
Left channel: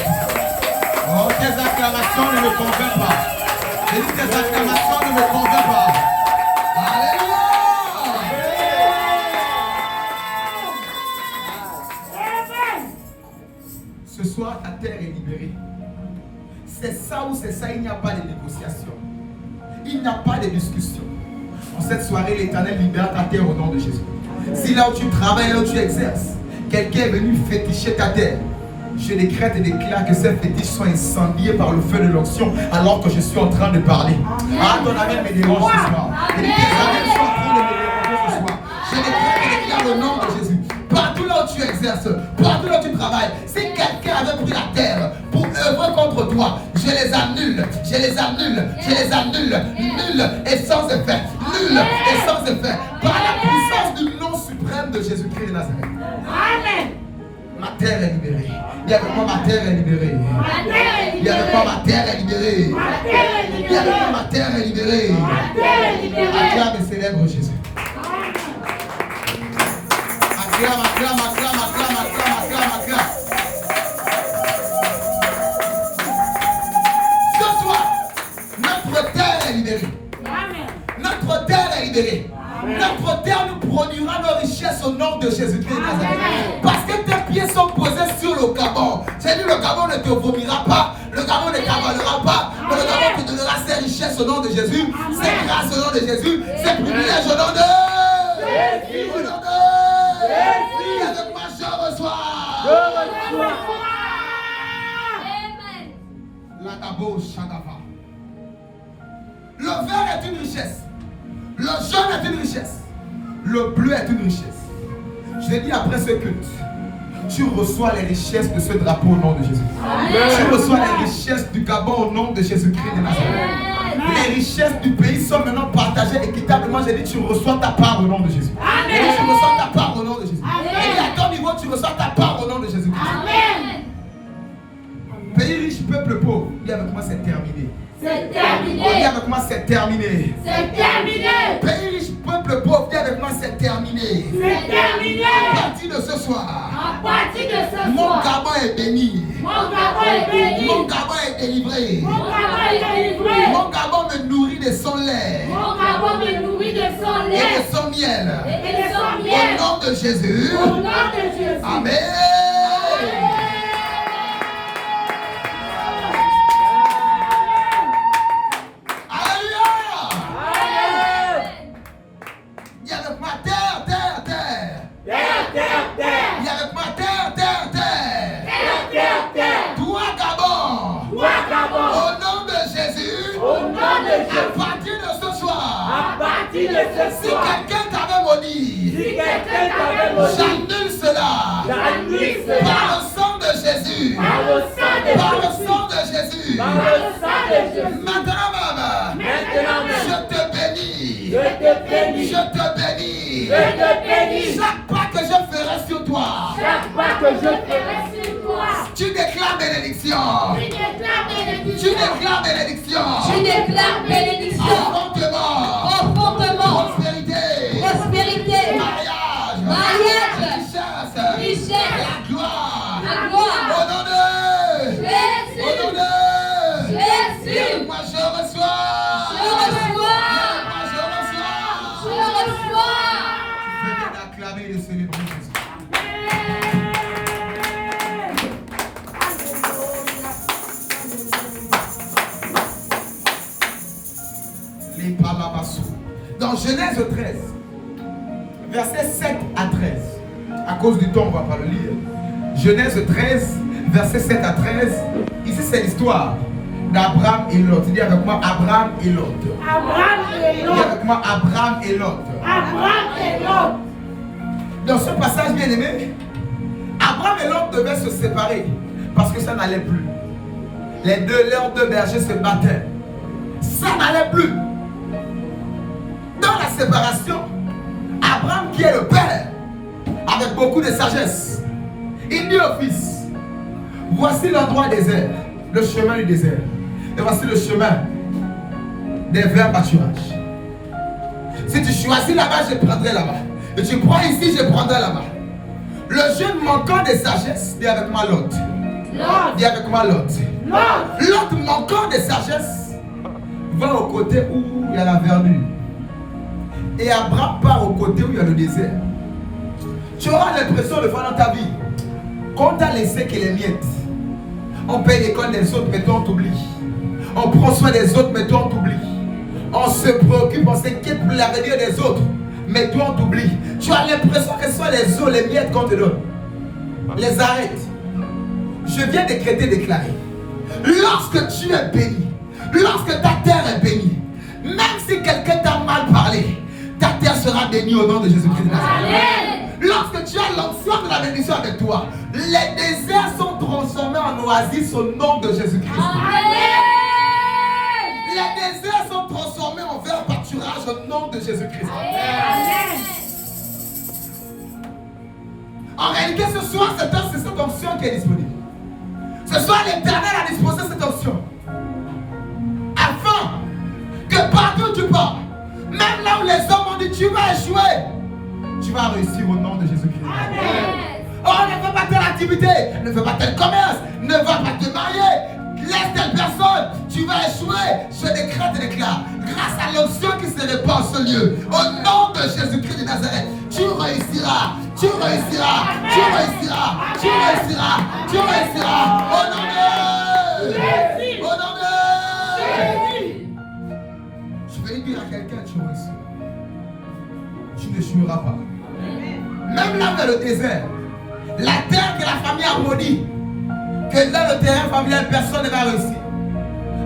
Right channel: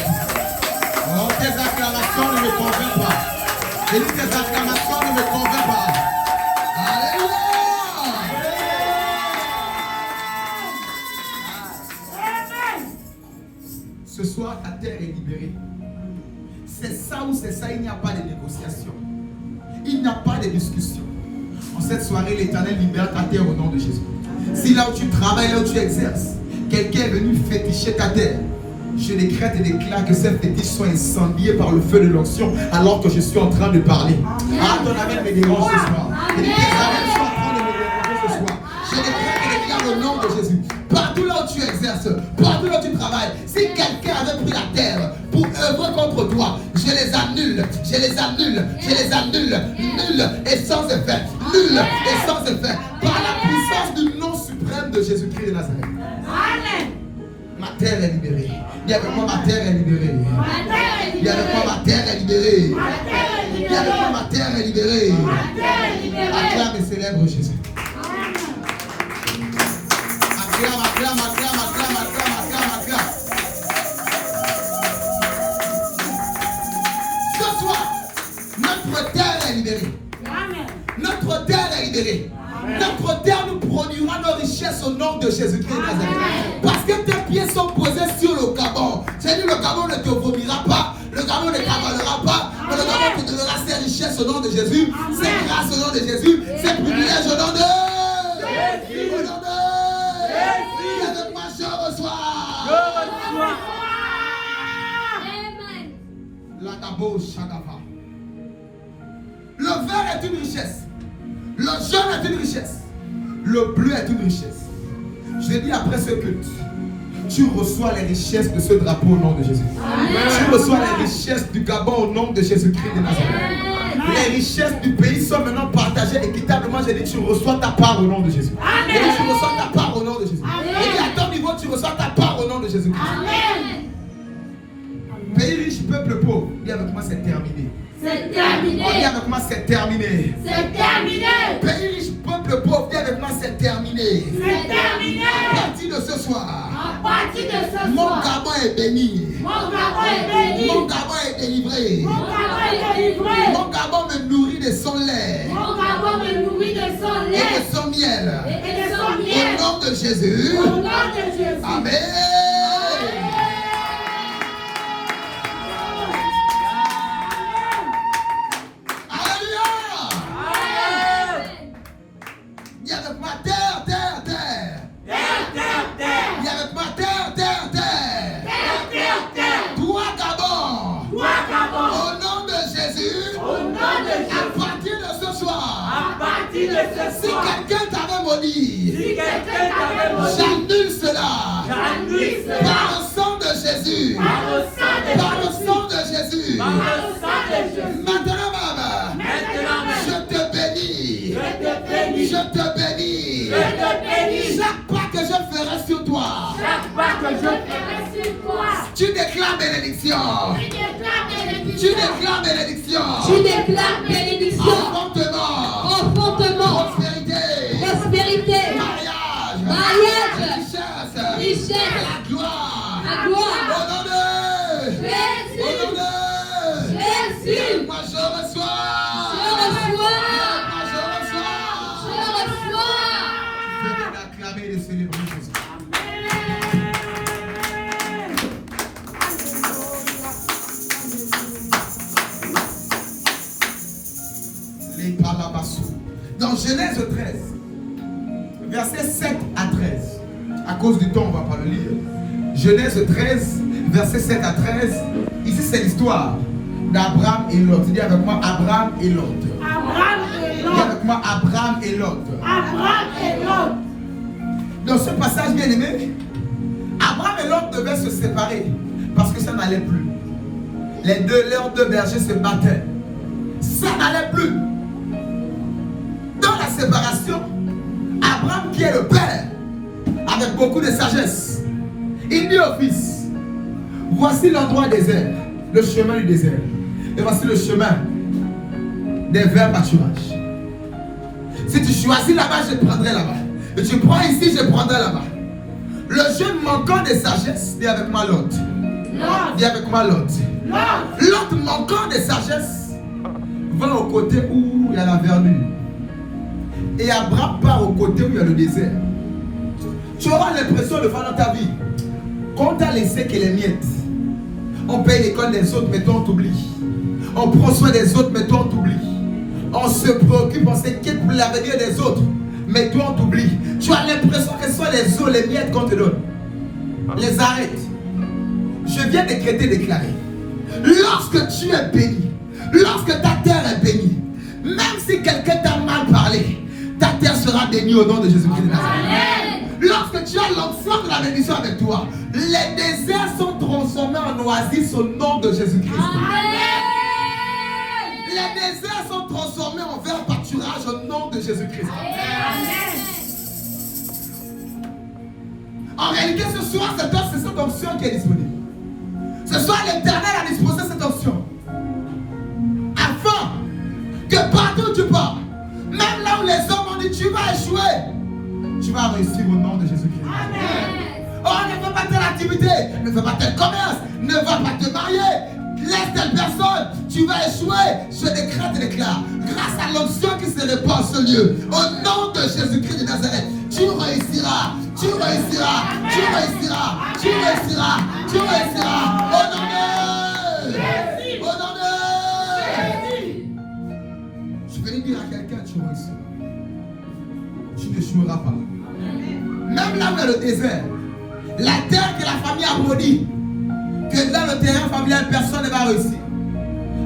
Oh, tes acclamations ne me convainquent pas. Et tes acclamations ne me convainquent pas. Alléluia. Ce soir, ta terre est libérée. C'est ça ou c'est ça, il n'y a pas de négociation. Il n'y a pas de discussion. En cette soirée, l'Éternel libère ta terre au nom de Jésus. Si là où tu travailles, là où tu exerces, quelqu'un est venu féticher ta terre, je décrète et déclare que ces fétiches sont incendiés par le feu de l'onction alors que je suis en train de parler. Ah, ton amen me dérange ce soir. Et tes amens sont en train de me déranger ce soir. Je décrète et déclare au nom de Jésus. Partout là où tu exerces, partout là où tu travailles, si quelqu'un avait pris la terre pour œuvrer contre toi, je les annule, je les annule, je les annule. Nul et sans effet. Nul et sans effet. Par la puissance du nom suprême de Jésus-Christ de Nazareth. Amen. Ma terre est libérée. Viens avec moi, ma terre est libérée. Viens avec moi, ma terre est libérée. Viens avec moi, ma terre est libérée. Acclame et célèbre Jésus. Ce soir, notre terre est libérée. Notre terre est libérée. Notre terre nous produira nos richesses au nom de Jésus-Christ. Parce que tes pieds sont posés sur le Gabon. C'est-à-dire le Gabon ne te vomira pas. Le Gabon ne t'avalera pas. Mais le Gabon te donnera ses richesses au nom de Jésus. Ses grâces au nom de Jésus. Ses privilèges au nom de Jésus. Au nom de Jésus. Et avec moi je reçois. La Gabo Shagava. Le vert est une richesse. Le jaune est une richesse. Le bleu est une richesse. Je l'ai dit après ce culte. Tu reçois les richesses de ce drapeau au nom de Jésus. Amen. Tu reçois les richesses du Gabon au nom de Jésus-Christ de Nazareth. Les richesses du pays sont maintenant partagées équitablement. J'ai dit, tu reçois ta part au nom de Jésus. Amen. Et tu reçois ta part au nom de Jésus. Amen. Et à ton niveau, tu reçois ta part au nom de Jésus-Christ. Amen. Pays riche, peuple pauvre. Dis avec moi, c'est terminé. C'est terminé. Dis avec moi, c'est terminé. C'est terminé. Pays riche, peuple pauvre. Dis avec moi, c'est terminé. C'est terminé. À partir de ce soir. À partir de ce soir. Mon Gabon est béni. Mon Gabon est béni. Mon Gabon est délivré. Mon Gabon est délivré. Mon Gabon me nourrit de son lait. Mon Gabon me nourrit de son lait. Et de son miel. Et de son miel. Au nom de Jésus. Au nom de Jésus. Amen. Si quelqu'un t'avait maudit, j'annule cela. Par le sang de Jésus. Par le sang de Jésus. Maintenant, maman, je te bénis. Je te bénis. Chaque pas que je ferai sur toi, tu déclares bénédiction. Tu déclares bénédiction. Tu déclares bénédiction. Enfantement. Enfantement. Prospérité. Prospérité. Mariage. Richesse. Richesse. Richesse. Gloire. La gloire. Au nom de Jésus. Au nom de Jésus. Moi je reçois. Je reçois. Moi je reçois. Je reçois. Venez d'acclamer et de célébrer Jésus. Les Palabassou. Dans Genèse 13, versets 7 à 13. À cause du temps, on ne va pas le lire. Genèse 13, versets 7 à 13. Ici, c'est l'histoire d'Abraham et Lot. Dis avec moi, Abraham et Lot. Abraham et Lot. Dis avec moi, Abraham et Lot. Abraham et Lot. Dans ce passage bien aimé, Abraham et Lot devaient se séparer parce que ça n'allait plus. Leurs deux bergers se battaient. Ça n'allait plus. Dans la séparation, Abraham, qui est le père, avec beaucoup de sagesse, il dit au fils, voici l'endroit désert, le chemin du désert, et voici le chemin des verts pâturages. Si tu choisis là-bas, je prendrai là-bas. Et tu prends ici, je prendrai là-bas. Le jeune manquant de sagesse, dis avec moi Lot. Dis avec moi Lot. Lot manquant de sagesse va au côté où il y a la verdure. Et Abraham part au côté où il y a le désert. Tu auras l'impression de faire dans ta vie qu'on t'a laissé que les miettes. On paye l'école des autres, mais toi on t'oublie. On prend soin des autres, mais toi on t'oublie. On se préoccupe, on s'inquiète pour l'avenir des autres, mais toi on t'oublie. Tu as l'impression que ce sont les eaux, les miettes qu'on te donne. Les arrête. Je viens déclarer. Lorsque tu es béni, lorsque ta terre est bénie, même si quelqu'un t'a mal parlé, ta terre sera bénie au nom de Jésus-Christ de Nazareth. Lorsque tu as l'onction de la bénédiction avec toi, les déserts sont transformés en oasis au nom de Jésus-Christ. Les déserts sont transformés en verts pâturage au nom de Jésus-Christ. En réalité, ce soir, c'est cette option qui est disponible. Ce soir, l'Éternel a disposé cette option. Afin que partout où tu pars, même là où les hommes ont dit tu vas échouer, tu vas réussir au nom de Jésus-Christ. Oh, ne fais pas telle activité, ne fais pas tel commerce, ne va pas te marier. Laisse telle personne, tu vas échouer. Je décrète et déclare, grâce à l'onction qui se répand en ce lieu, au nom de Jésus-Christ de Nazareth, tu réussiras, tu réussiras, tu réussiras, tu réussiras, tu réussiras. Au nom de Jésus, au nom de Jésus. Je vais dire à quelqu'un, tu réussiras. Tu n'échoueras pas. Même là dans le désert, la terre que la famille a maudit, que dans le terrain familial, personne ne va réussir.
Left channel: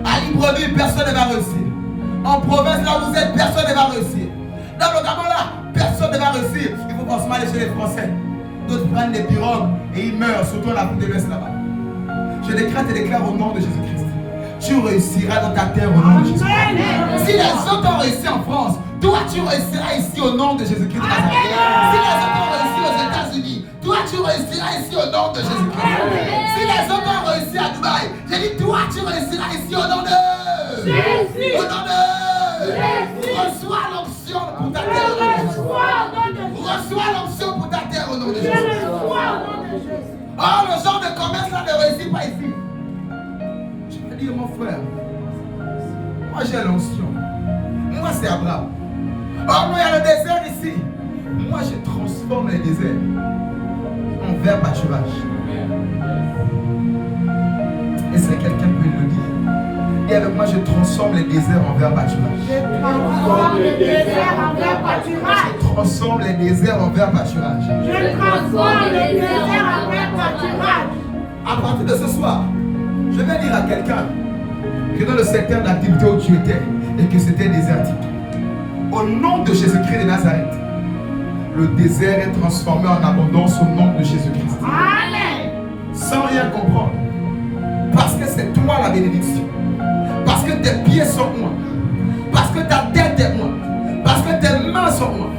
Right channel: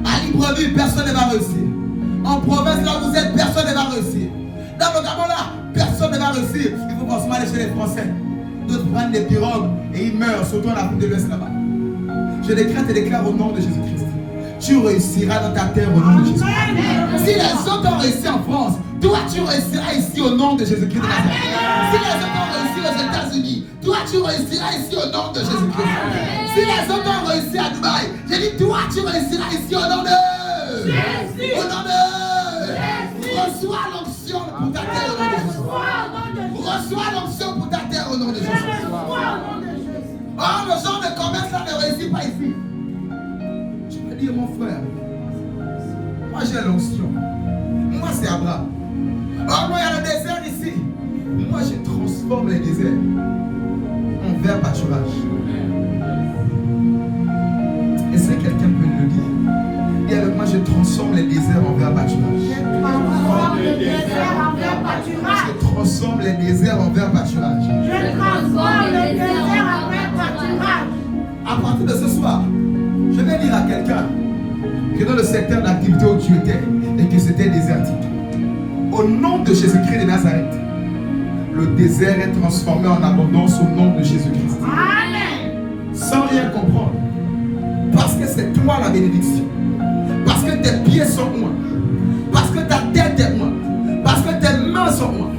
À Libreville, personne ne va réussir. En province, là où vous êtes, personne ne va réussir. Dans le Gabon, là, personne ne va réussir. Il faut forcément aller chez les Français. D'autres prennent des pirogues et ils meurent, surtout en Afrique de l'Ouest là-bas. Je décrète et déclare au nom de Jésus-Christ. Tu réussiras dans ta terre au nom de Jésus. Si les autres ont réussi en France, toi tu réussiras ici au nom de Jésus-Christ de Nazareth. Si les autres ont réussi aux États-Unis, toi tu réussiras ici au nom de Jésus-Christ. Si les autres ont réussi à Dubaï, j'ai dit toi tu réussiras ici au nom de Jésus. Au nom de Jésus. Reçois l'onction pour ta terre au nom de Jésus. Reçois l'onction pour ta terre au nom de Jésus. Oh, le genre de commerce là ne réussit pas ici. Je peux dire mon frère, moi j'ai l'onction. Moi c'est Abraham. Oh non, il y a le désert ici. Moi je transforme les déserts en vert pâturage. Est-ce que quelqu'un peut le dire? Et avec moi je transforme les déserts en vert pâturage. Je transforme les déserts en vert pâturage. Je transforme les déserts en vert pâturage. Je transforme les déserts en vert pâturage. À partir de ce soir, je vais dire à quelqu'un que dans le secteur d'activité où tu étais et que c'était désertique, au nom de Jésus-Christ de Nazareth, le désert est transformé en abondance au nom de Jésus-Christ. Amen. Sans rien comprendre. Parce que c'est toi la bénédiction. Parce que tes pieds sont moi. Parce que ta tête est moi. Parce que tes mains sont moi.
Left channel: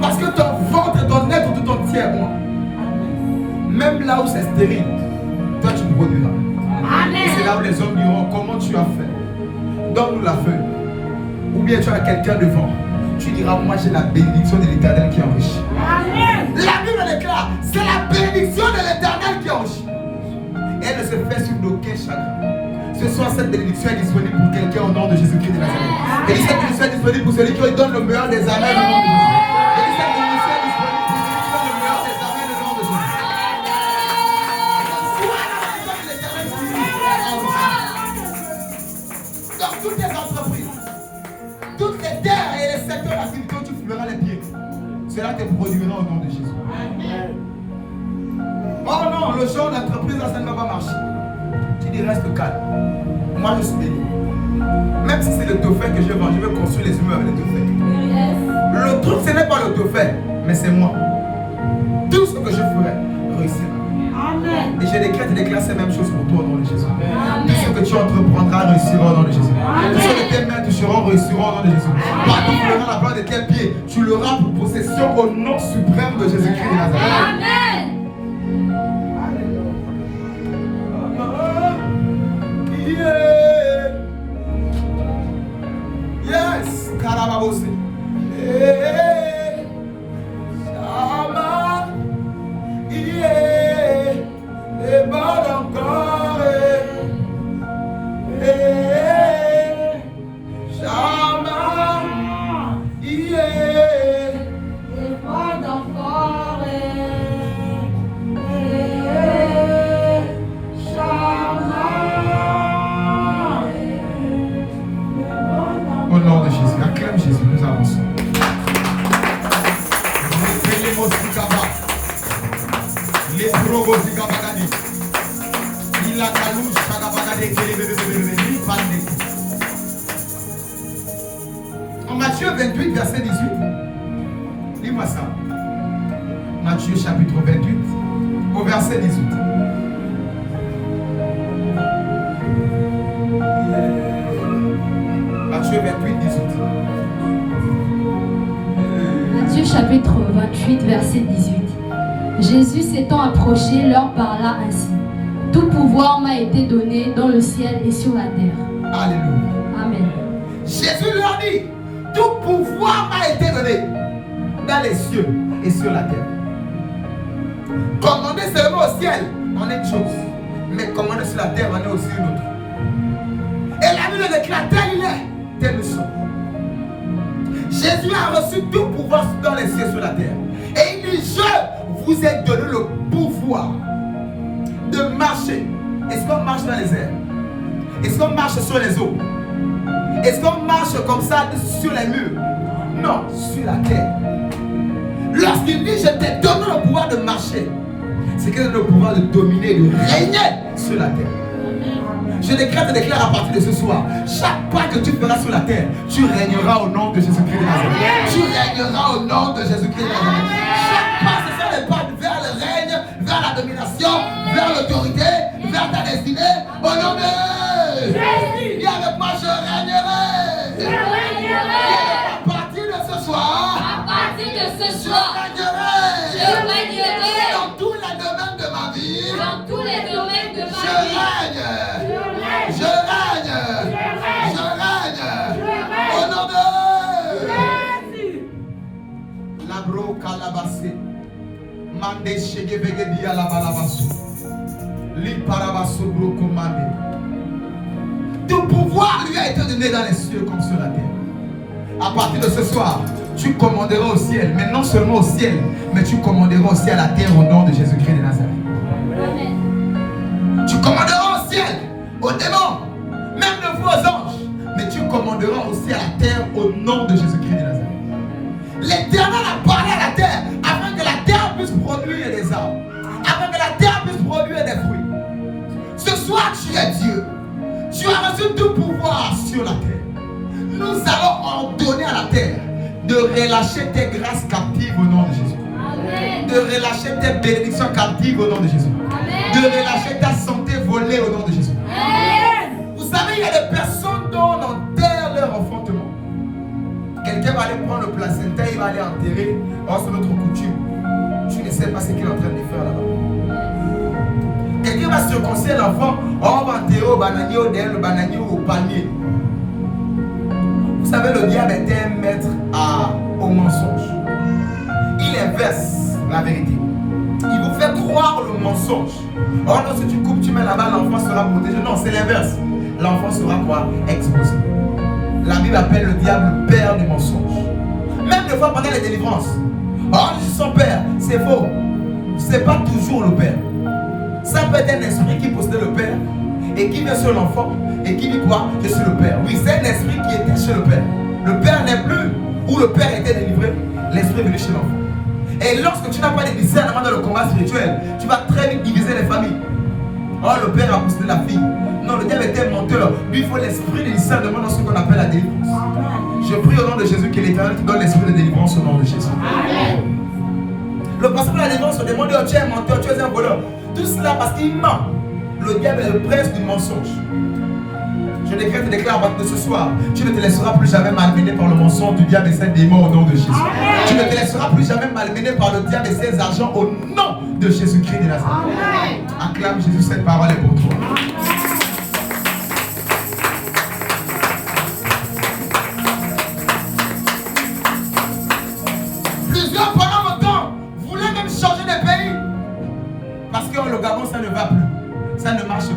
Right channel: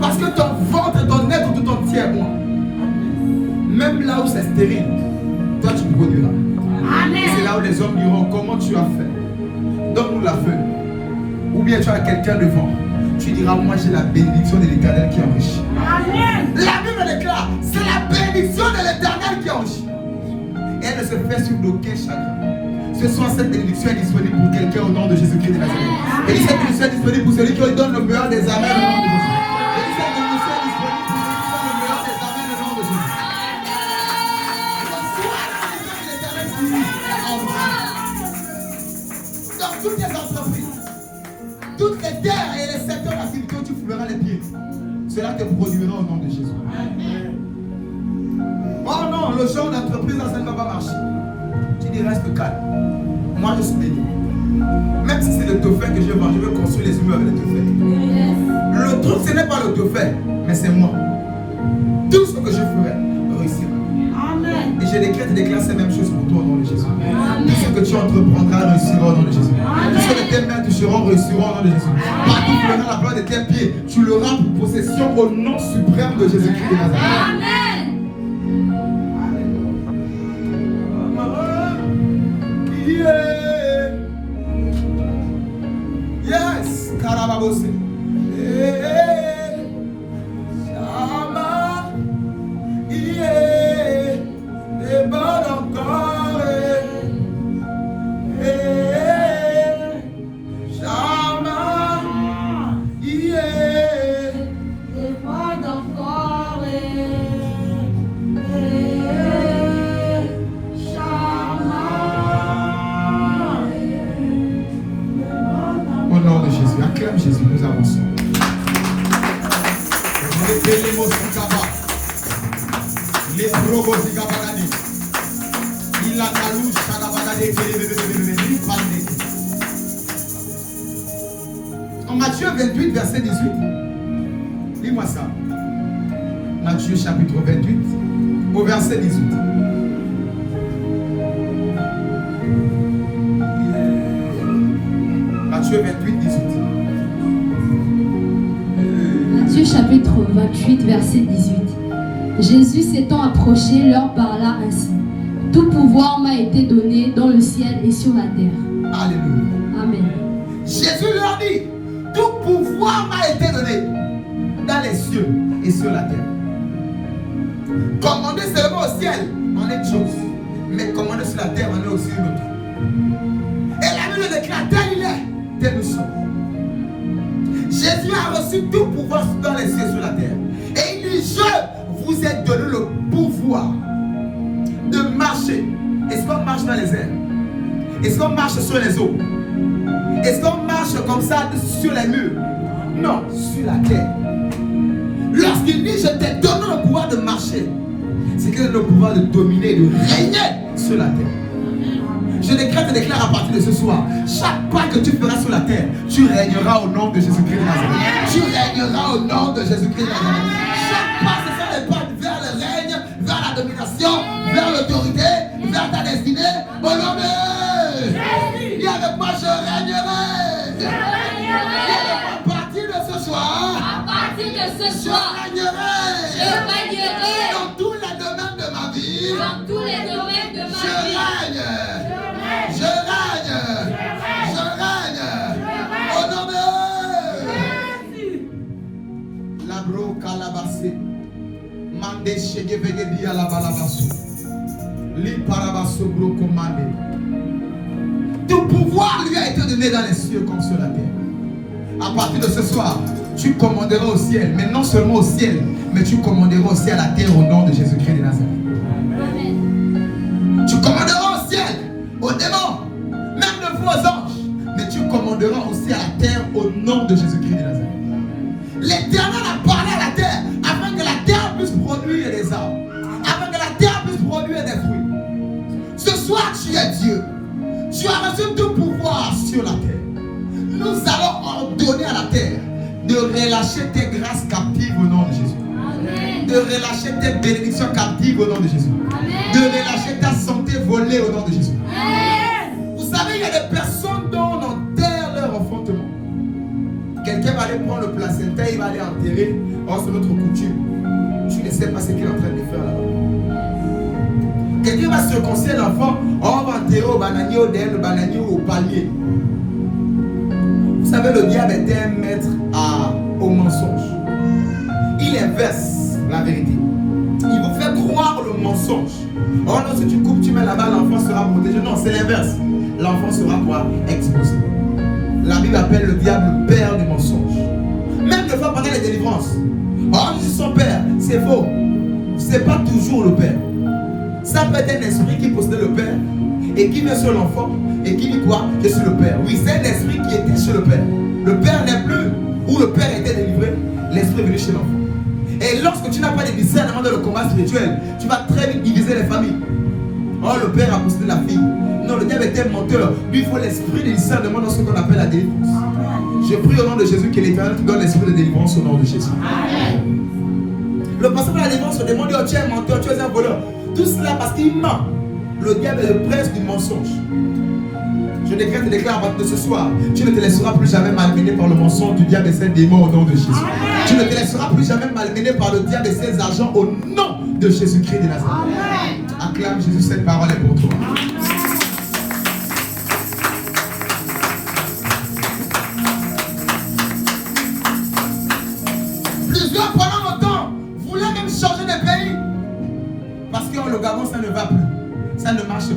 Parce que ton ventre et ton être tout entier est moi. Même là où c'est stérile, toi tu produiras. Et c'est là où les hommes diront comment tu as fait. Donne-nous la feuille. Ou bien tu as quelqu'un devant. Tu diras moi j'ai la bénédiction de l'Éternel qui enrichit. Amen. La Bible déclare c'est la bénédiction de l'Éternel qui enrichit. Elle ne se fait sur aucun chagrin. Ce soir cette bénédiction est disponible pour quelqu'un au nom de Jésus-Christ de Nazareth. Et cette bénédiction est disponible pour celui qui donne le meilleur des amens au nom de Jésus. Et cette bénédiction est disponible pour celui qui donne le meilleur des amens au nom de Jésus. Sois la bénédiction de l'Éternel qui enrichit. Dans toutes les entreprises, toutes les terres et les secteurs d'activité où tu fouleras les pieds, cela te produira au nom de Jésus. Oh non, le genre d'entreprise là, ça ne va pas marcher. Tu dis reste calme. Moi je suis béni. Même si c'est le dauphin que je vends, je veux construire les immeubles avec le dauphin. Le truc ce n'est pas le dauphin, mais c'est moi. Tout ce que je ferai réussira. Amen. Et je décrète et déclare ces mêmes choses pour toi au nom de Jésus. Tout ce que tu entreprendras réussira au nom de Jésus. Tout ce que tes mains toucheront réussiront au nom de Jésus. Partout où tu verras la plante de tes pieds, tu l'auras pour possession au nom suprême de Jésus-Christ de Nazareth. Amen. Yes, Karababose. Shama, yeah, et bon encore. Shama, yeah, Et bon encore. au nom de Jésus. Acclame Jésus, nous avançons. En Matthieu 28, verset 18. Lis-moi ça. Matthieu chapitre 28, au verset 18. Matthieu 28, 18. Matthieu chapitre 28, verset 18. Jésus s'étant approché, leur parla ainsi. Tout pouvoir m'a été donné dans le ciel et sur la terre. Alléluia. Amen. Jésus leur dit, tout pouvoir m'a été donné dans les cieux et sur la terre. Commander seulement au ciel en est une chose, mais commander sur la terre en est aussi une autre. Et la Bible déclare tel il est, tel nous sommes. Jésus a reçu tout pouvoir dans les cieux et sur la terre. Et il dit, je vous ai donné le pouvoir de marcher. Est-ce qu'on marche dans les airs? Est-ce qu'on marche sur les eaux? Est-ce qu'on marche comme ça sur les murs? Non, sur la terre. Lorsqu'il dit, je t'ai donné le pouvoir de marcher, c'est qu'il a le pouvoir de dominer, de régner sur la terre. Je décrète et déclare à partir de ce soir, chaque pas que tu feras sur la terre, tu régneras au nom de Jésus-Christ de Nazareth. Tu régneras au nom de Jésus-Christ de Nazareth. Chaque pas, ce sont les pas vers le règne, vers la domination, vers l'autorité, vers ta destinée, au nom de Jésus. Dis avec moi, je régnerai. Je régnerai. À partir de ce soir, je régnerai. Je régnerai. Dans tous les domaines de ma vie. Dans tous les domaines de ma Je règne. Je règne. Je règne. Au nom de Labro Kalabase. Mande Shegevege Dia Labalabasu. Li Parabasu Bro Commandé. Tout pouvoir lui a été donné dans les cieux comme sur la terre. À partir de ce soir, tu commanderas au ciel, mais non seulement au ciel, mais tu commanderas aussi à la terre au nom de Jésus-Christ de Nazareth. Tu commanderas au ciel, aux démons, même de vos anges, mais tu commanderas aussi à la terre au nom de Jésus-Christ de Nazareth. L'Éternel a parlé à la terre afin que la terre puisse produire des arbres, afin que la terre puisse produire des fruits. Ce soir, tu es Dieu. Tu as reçu tout pouvoir sur la terre. Nous allons ordonner à la terre de relâcher tes grâces captives au nom de Jésus. Amen. De relâcher tes bénédictions captives au nom de Jésus. Amen. De relâcher ta santé volée au nom de Jésus. Amen. Vous savez, il y a des personnes dont on enterre leur enfantement. Quelqu'un va aller prendre le placenta, il va aller enterrer. Or, c'est notre coutume. Tu ne sais pas ce qu'il est en train de faire là-bas. Quelqu'un va circoncire l'enfant, on va enterrer au bananier, au derrière le bananier ou au palmier. Vous savez, le diable est un maître au mensonge. Il inverse la vérité. Il vous fait croire le mensonge. Or, non, si tu coupes, tu mets là-bas, l'enfant sera protégé. Non, c'est l'inverse. L'enfant sera quoi? Exposé. La Bible appelle le diable le père du mensonge. Même des fois pendant les délivrances. Or, je suis son père. C'est faux. C'est pas toujours le père. Ça peut être un esprit qui possédait le père et qui vient sur l'enfant et qui dit quoi? Je suis le père. Oui, c'est un esprit qui était chez le père. Le père n'est plus où le père était délivré. L'esprit est venu chez l'enfant. Et lorsque tu n'as pas de discernement dans le combat spirituel, tu vas très vite diviser les familles. Oh, le père a possédé la fille. Non, le diable était menteur. Lui, il faut l'esprit de discernement dans ce qu'on appelle la délivrance. Je prie au nom de Jésus que l'Éternel te donne l'esprit de délivrance au nom de Jésus. Amen. Le pasteur de la délivrance se demande, oh, tu es un menteur, tu es un voleur. Tout cela parce qu'il ment. Le diable est le prince du mensonge. Je décrète et déclare à partir de ce soir, tu ne te laisseras plus jamais malmener par le mensonge du diable et ses démons au nom de Jésus. Amen. Tu ne te laisseras plus jamais malmener par le diable et ses argents au nom de Jésus-Christ de Nazareth. Amen. Acclame Jésus, cette parole est pour toi. Plusieurs pendant longtemps voulaient même changer de pays. Parce que le Gabon, ça ne va plus. Ça ne marche plus.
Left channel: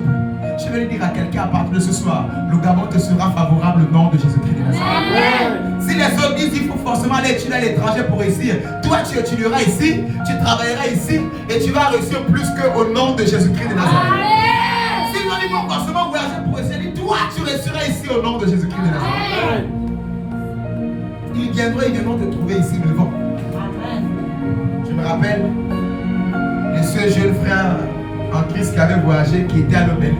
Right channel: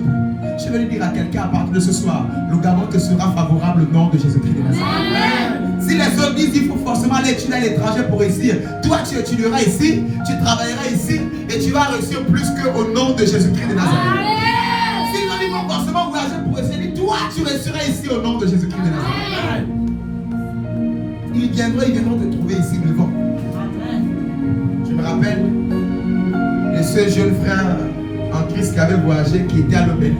Je vais lui dire à quelqu'un à partir de ce soir, le Gabon te sera favorable au nom de Jésus-Christ de Nazareth. Si les autres disent qu'il faut forcément aller étudier à l'étranger pour réussir, toi tu étudieras ici, tu travailleras ici et tu vas réussir plus qu'au nom de Jésus-Christ de Nazareth. Sinon ils vont forcément voyager pour essayer, toi tu réussiras ici au nom de Jésus-Christ de Nazareth. Ils viendront te trouver ici devant. Je me rappelle de ce jeune frère en Christ qui avait voyagé, qui était à l'Obel,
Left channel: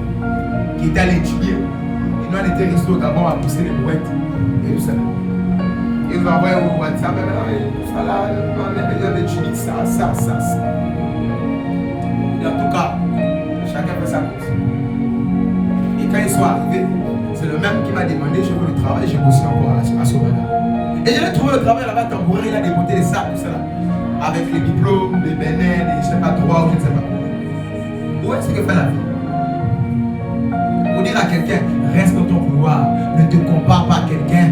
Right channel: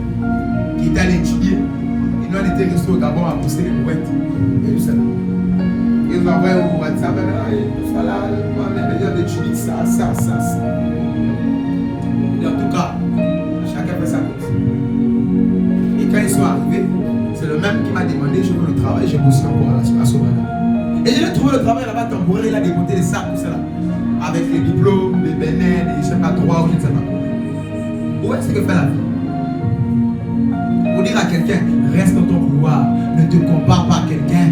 qui était allé étudier. Et nous, on était restés au Gabon à pousser les brouettes. Et tout ça. Ils nous envoyaient au WhatsApp, tout ça là, on est besoin d'étudier ça. Et en tout cas, chacun fait sa course. Et quand ils sont arrivés, c'est le même qui m'a demandé, je veux le travail, je bossais encore à Sauvana. Et je l'ai trouvé le travail là-bas temporaire, il a démonté les sacs, tout ça là. Avec les diplômes, les bénins, les je ne sais pas droit, je ne sais pas quoi. Où est-ce que fait la vie? Pour dire à quelqu'un, reste dans ton couloir, ne te compare pas à quelqu'un.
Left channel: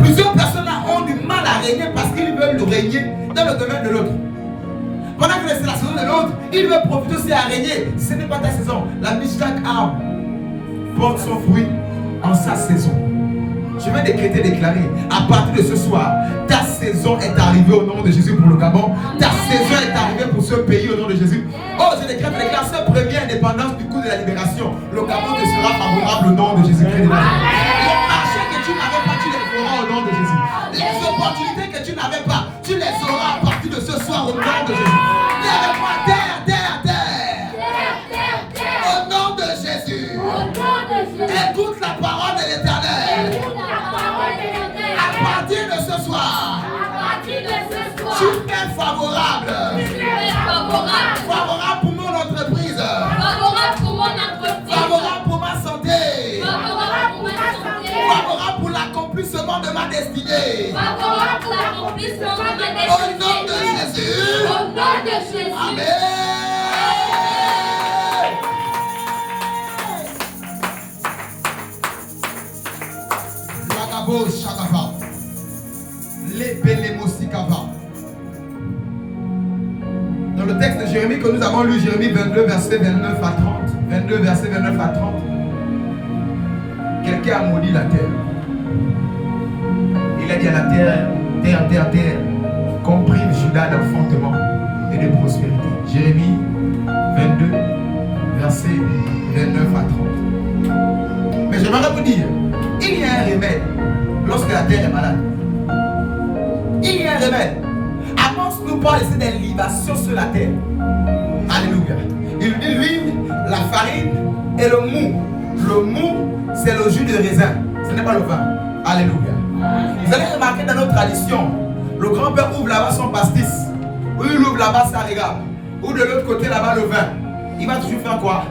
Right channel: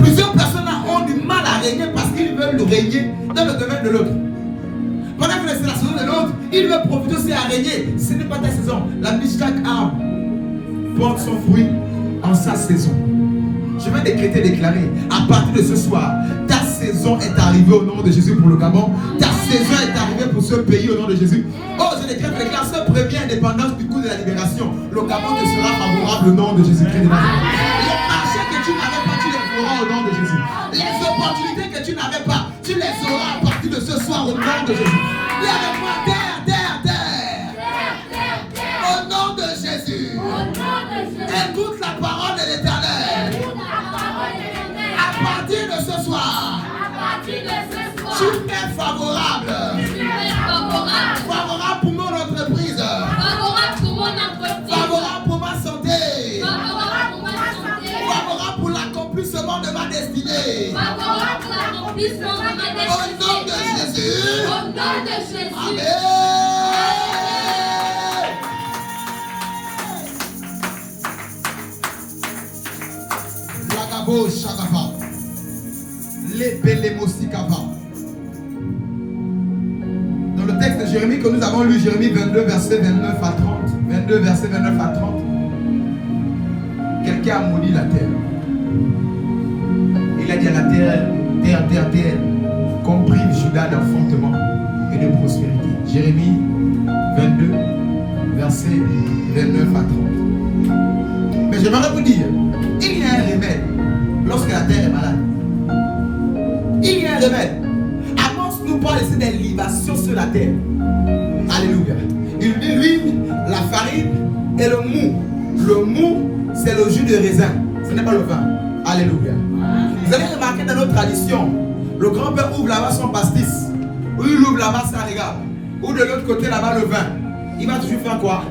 Plusieurs personnes ont ont du mal à régner parce qu'ils veulent régner dans le domaine de l'autre. Pendant que c'est la saison de l'autre, il veut profiter aussi à régner. Ce n'est pas ta saison. La mise chaque arbre porte son fruit en sa saison. Je vais déclarer, à partir de ce soir, ta saison est arrivée au nom de Jésus pour le Gabon. Ta saison est arrivée pour ce pays au nom de Jésus. Oh, je déclare ce premier indépendance du coup de la libération. Le Gabon te sera favorable au nom de Jésus-Christ. Les marchés que tu n'avais pas, tu les feras au nom de Jésus. Les opportunités que tu n'avais pas, tu les auras à partir de ce soir au nom de Jésus. Viens avec moi, terre, terre, terre. Au nom de Jésus. Écoute la parole de l'Éternel. À partir de ce soir, tu es favorable. Favorable pour mon entreprise. Favorable pour ma santé. Favorable pour l'accomplissement de ma destinée. Au nom de Jésus. Amen. Dans le texte de Jérémie que nous avons lu, Jérémie 22, verset 29 à 30. 22, verset 29 à 30. Quelqu'un a maudit la terre. Il a dit à la terre, terre, terre, terre, qu'on prive Judas d'enfantement et de prospérité. Jérémie 22, verset 29 à 30. Mais j'aimerais vous dire, il y a un remède lorsque la terre est malade. Il y a un remède. Amos nous parle ici des libations sur la terre. Alléluia. Il dit l'huile, la farine et le mou. Le mou, c'est le jus de raisin. Ce n'est pas le vin. Alléluia. Vous allez remarquer dans notre tradition, le grand-père ouvre là-bas son pastis. Ou il ouvre là-bas sa regarde. Ou de l'autre côté là-bas le vin. Il va toujours faire quoi?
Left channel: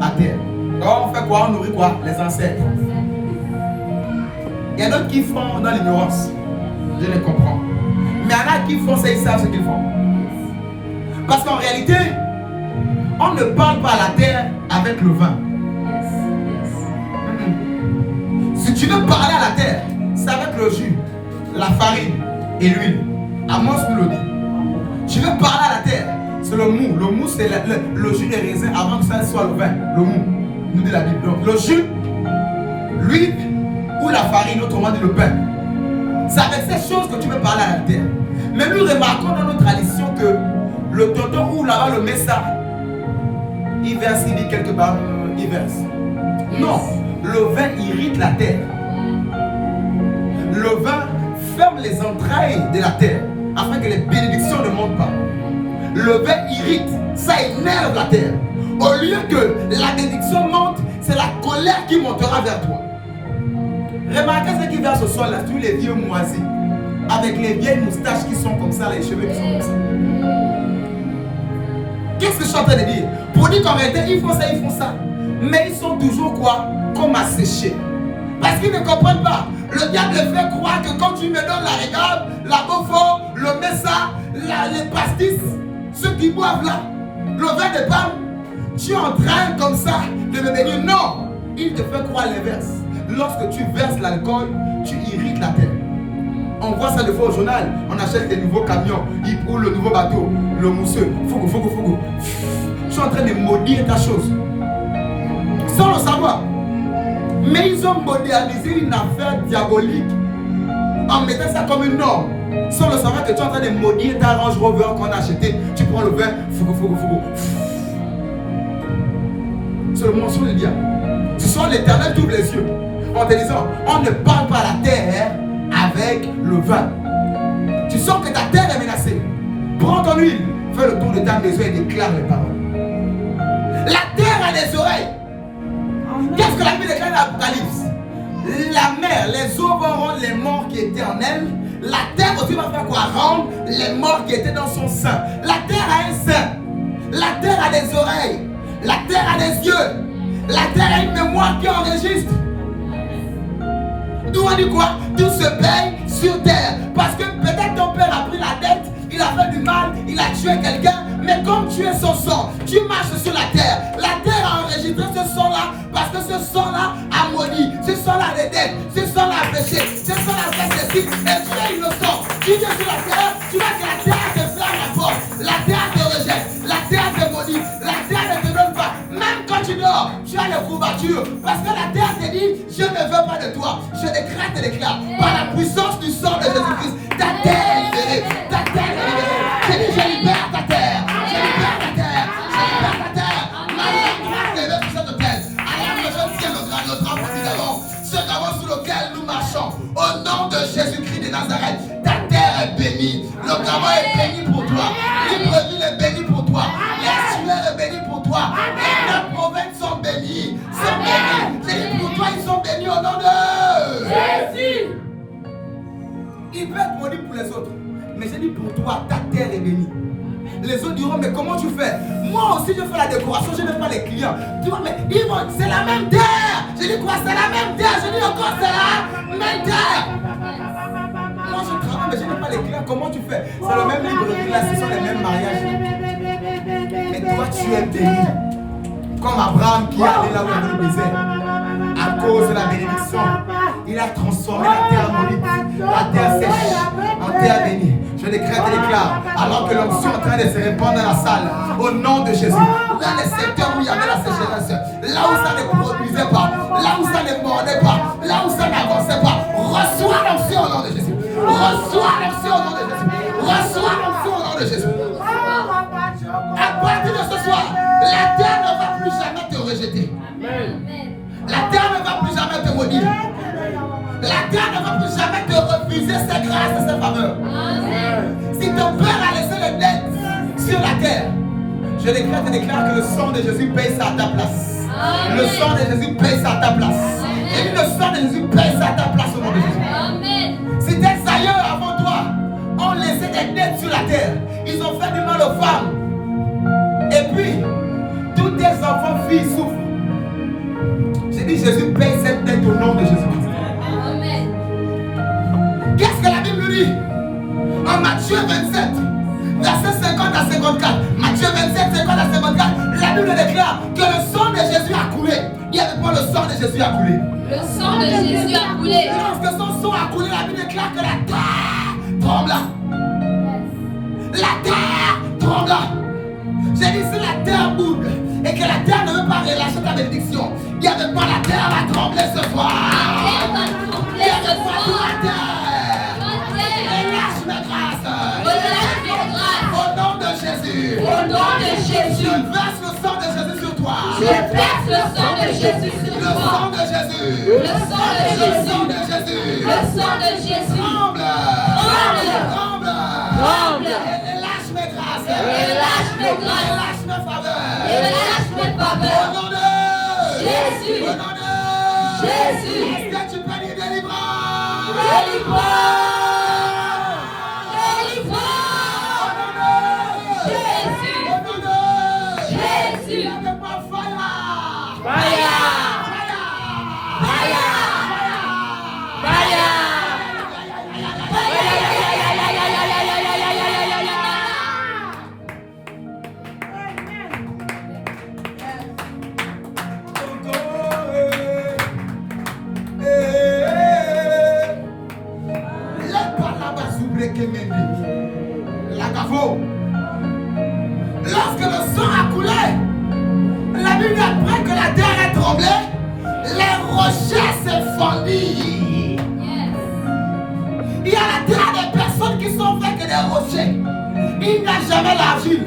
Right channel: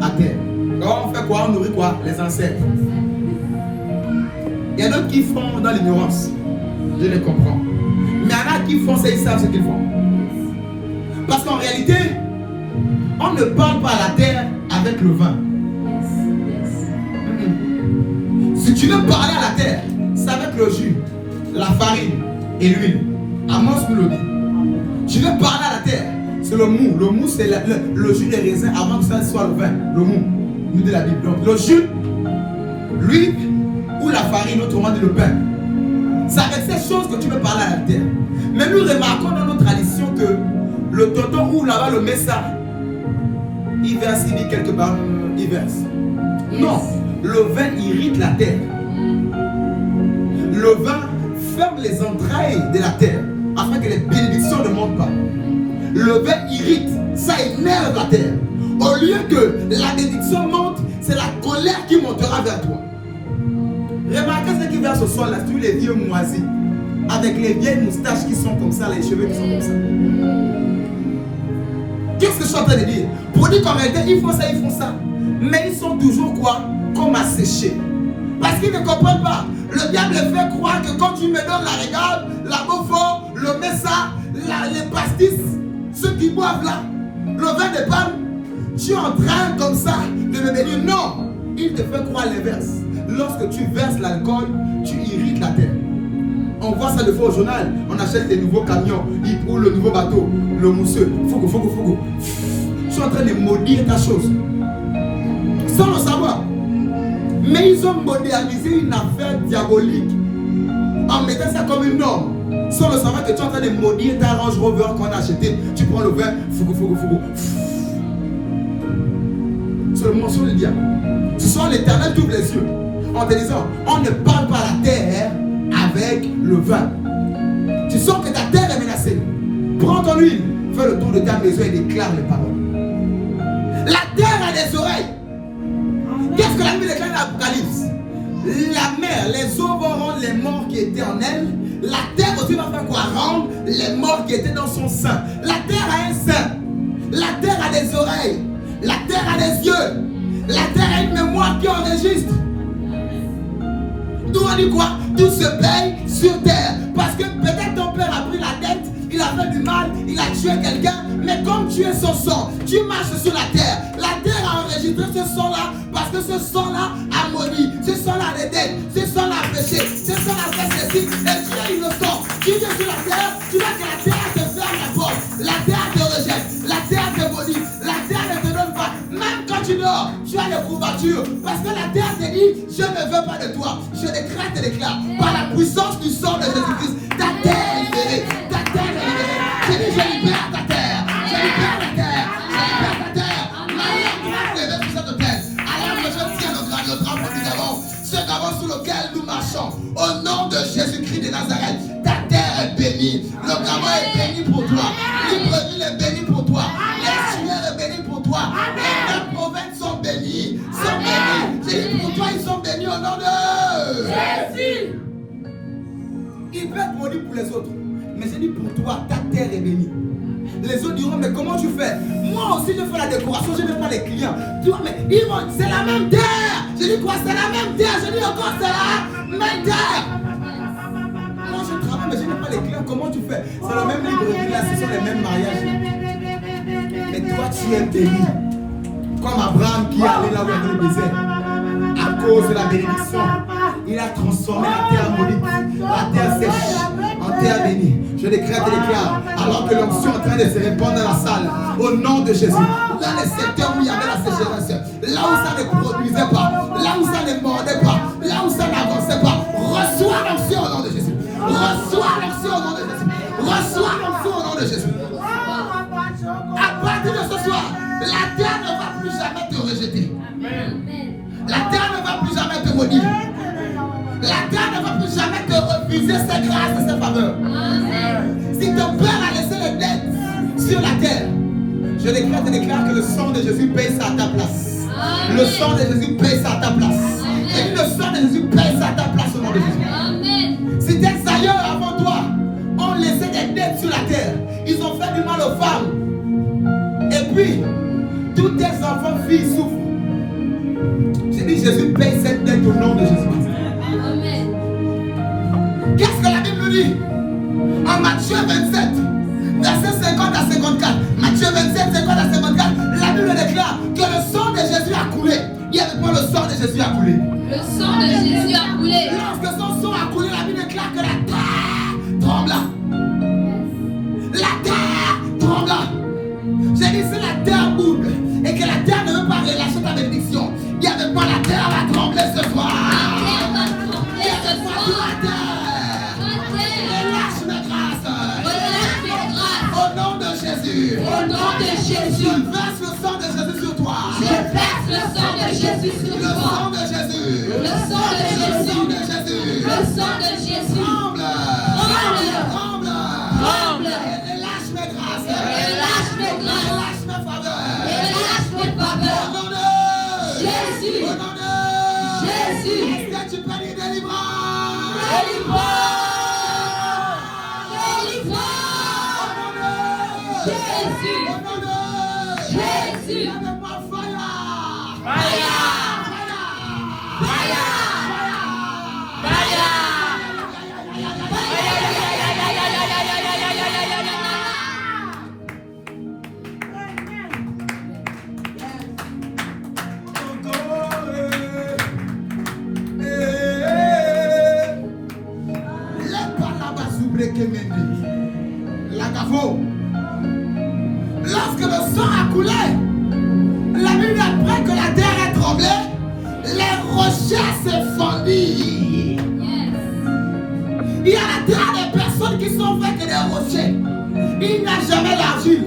À terre. Alors on fait quoi? On nourrit quoi? Les ancêtres. Il y a d'autres qui font dans l'ignorance. Je les comprends. Mais il y en a qui font ça, ils savent ce qu'ils font. Parce qu'en réalité, on ne parle pas à la terre avec le vin. Si tu veux parler à la terre, c'est avec le jus, la farine et l'huile. Amos nous le dit. Tu veux parler à la terre, c'est le mou. Le mou, c'est le jus des raisins avant que ça soit le vin. Le mou, nous dit la Bible. Donc, le jus, l'huile ou la farine, autrement dit le pain. C'est avec ces choses que tu veux parler à la terre. Mais nous remarquons dans notre tradition que le tonton ouvre là-bas le messa. Il verse, il dit quelque part, il verse. Yes. Non, le vin irrite la terre. Le vin ferme les entrailles de la terre afin que les bénédictions ne montent pas. Le vin irrite, ça énerve la terre. Au lieu que la bénédiction monte, c'est la colère qui montera vers toi. Remarquez ce qui verse au sol là, tous les vieux moisis, avec les vieilles moustaches qui sont comme ça, les cheveux qui sont comme ça. Qu'est-ce que je suis en train de dire? Pour dire qu'en réalité, ils font ça, mais ils sont toujours quoi? Comme asséchés. Parce qu'ils ne comprennent pas. Le diable fait croire que quand tu me donnes la régale, la bofo, le messa, les pastis, ceux qui boivent là, le vin de palme, tu es en train comme ça de me bénir. Non, il te fait croire l'inverse. Lorsque tu verses l'alcool, tu irrites la terre. On voit ça des fois au journal. On achète des nouveaux camions ou le nouveau bateau, le mousseux. Fogo. Je suis en train de maudire ta chose. Sans le savoir. Mais ils ont modélisé une affaire diabolique en mettant ça comme une norme. Sans le savoir que tu es en train de maudire ta Range Rover qu'on a acheté. Tu prends le verre, fogo. C'est le mensonge du diable. Ce soir, l'Éternel t'ouvre les yeux en te disant, on ne parle pas à la terre avec le vin. Tu sens que ta terre est menacée. Prends ton huile, fais le tour de ta maison et déclare les paroles. La terre a des oreilles. Qu'est-ce que la Bible déclare dans l'Apocalypse? La mer, les eaux vont rendre les morts qui étaient en elle. La terre aussi va faire quoi? Rendre les morts qui étaient dans son sein. La terre a un sein. La terre a des oreilles. La terre a des yeux. La terre a une mémoire qui enregistre. Tout on dit quoi? Tout se paye sur terre. Parce que peut-être ton père a pris la dette, il a fait du mal, il a tué quelqu'un, mais comme tu es son sang, tu marches sur la terre. La terre a enregistré ce sang-là parce que ce sang-là a maudit, ce sang-là a des dettes, ce sang-là es innocent, tu viens sur la terre, tu vois que la terre te ferme la porte, la terre te rejette, la terre te maudit, la terre ne te donne pas. Même quand tu dors, tu as les courbatures. Parce que la terre te dit, je ne veux pas de toi. Je décrète et déclare, par la puissance du sang de Jésus-Christ, ta terre est libérée, ta terre est libérée. Je dis, je libère ta terre, je libère ta terre, je libère ta terre. Ma grâce est levée sur cette terre. Alors que je tiens notre enfant nous avons, ce qu'avant sous lequel nous marchons, au nom de Jésus-Christ de Nazareth, ta terre est bénie. Le gamin est béni pour toi. Libreville est béni pour toi. L'Essuaire est béni pour toi. Les 9 provinces sont bénies. Sont bénies. J'ai dit pour toi, ils sont bénis au nom de Jésus. Il peut être béni pour les autres. Mais j'ai dit pour toi, ta terre est bénie. Les autres diront, mais comment tu fais? Moi aussi, je fais la décoration, je n'ai pas les clients. Tu vois, mais ils vont, c'est la même terre. Je dis quoi? C'est la même terre. Je dis encore, c'est la même terre. Moi, je travaille, mais je n'ai pas les clients. Comment tu fais? C'est le même livre là, ce sont les mêmes mariages. Mais toi, tu es béni. Comme Abraham qui est allé là où il y avait le désert. À cause de la bénédiction, il a transformé la terre maudite, la terre sèche, en terre bénie. Je décrète et déclare, alors que l'onction est en train de se répandre dans la salle, au nom de Jésus, dans les secteurs où il y avait la sécheresse, là où ça ne produisait pas, là où ça ne mordait pas, là où ça n'avançait pas, reçois l'onction au nom de Jésus. Reçois l'onction au nom de Jésus. Reçois l'onction au nom de Jésus. À partir de ce soir, la terre ne va plus jamais te rejeter. La terre ne va plus jamais te maudire. La terre ne va plus jamais te refuser sa grâce et sa faveur. Si ton père a laissé le dette sur la terre, je déclare que le sang de Jésus paye ça à ta place. Le sang de Jésus paye ça à ta place. Et le sang de Jésus paye ça à ta place au nom de Jésus. Si tes ailleurs avant toi ont laissé des dettes sur la terre, ils ont fait du mal aux femmes. Et puis, tous tes enfants, filles souffrent. J'ai dit, Jésus paye cette dette au nom de Jésus-Christ. Qu'est-ce que la Bible dit? En Matthieu 27, verset 50 à 54. Matthieu 27, 50 à 54. La Bible déclare que le sang de Jésus a coulé. Il y avait pas le sang de Jésus a coulé. Le sang de Jésus a coulé. Et lorsque son sang a coulé, la Bible déclare que la terre trembla. La terre trembla. J'ai dit, si la terre bouge et que la terre ne veut pas relâcher ta bénédiction, il n'y avait pas la terre va trembler ce soir. La terre va trembler ce soir. La terre. Relâche mes grâces. Relâche mes grâces. Au nom de Jésus. Au nom de Jésus. Je verse le sang de Jésus sur toi. Je verse le sang de Jésus sur Le toi. sang de Jésus. Le sang de Le Jésus. sang de Jésus. Le sang de Jésus. Tremble. Tremble. Tremble. Relâche mes grâces. Relâche mes grâces. Relâche mes faveurs. Relâche mes Au faveurs. nom de Jésus. Au nom de Jésus. Est-ce que tu peux dire délivrance? Délivrance. Jésus. Au nom de Jésus. Il y a des pas fire. Lorsque le sang a coulé, la Bible apprend que la terre a tremblé, les rochers se fondirent. Il y a la terre des personnes qui sont faites que des rochers. Il n'y a jamais l'argile.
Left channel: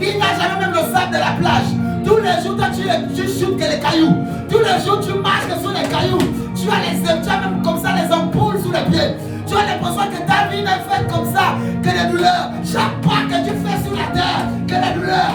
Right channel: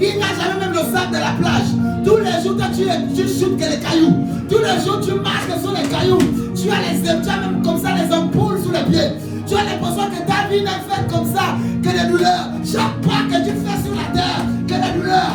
Il n'y a jamais même le sable de la plage. Tous les jours, toi, tu chutes que les cailloux. Tous les jours, tu marches sur les cailloux. Tu as même comme ça les ampoules sous les pieds. Tu as l'impression que ta vie n'est faite comme ça, que les douleurs. Chaque pas que tu fais sur la terre, que les douleurs.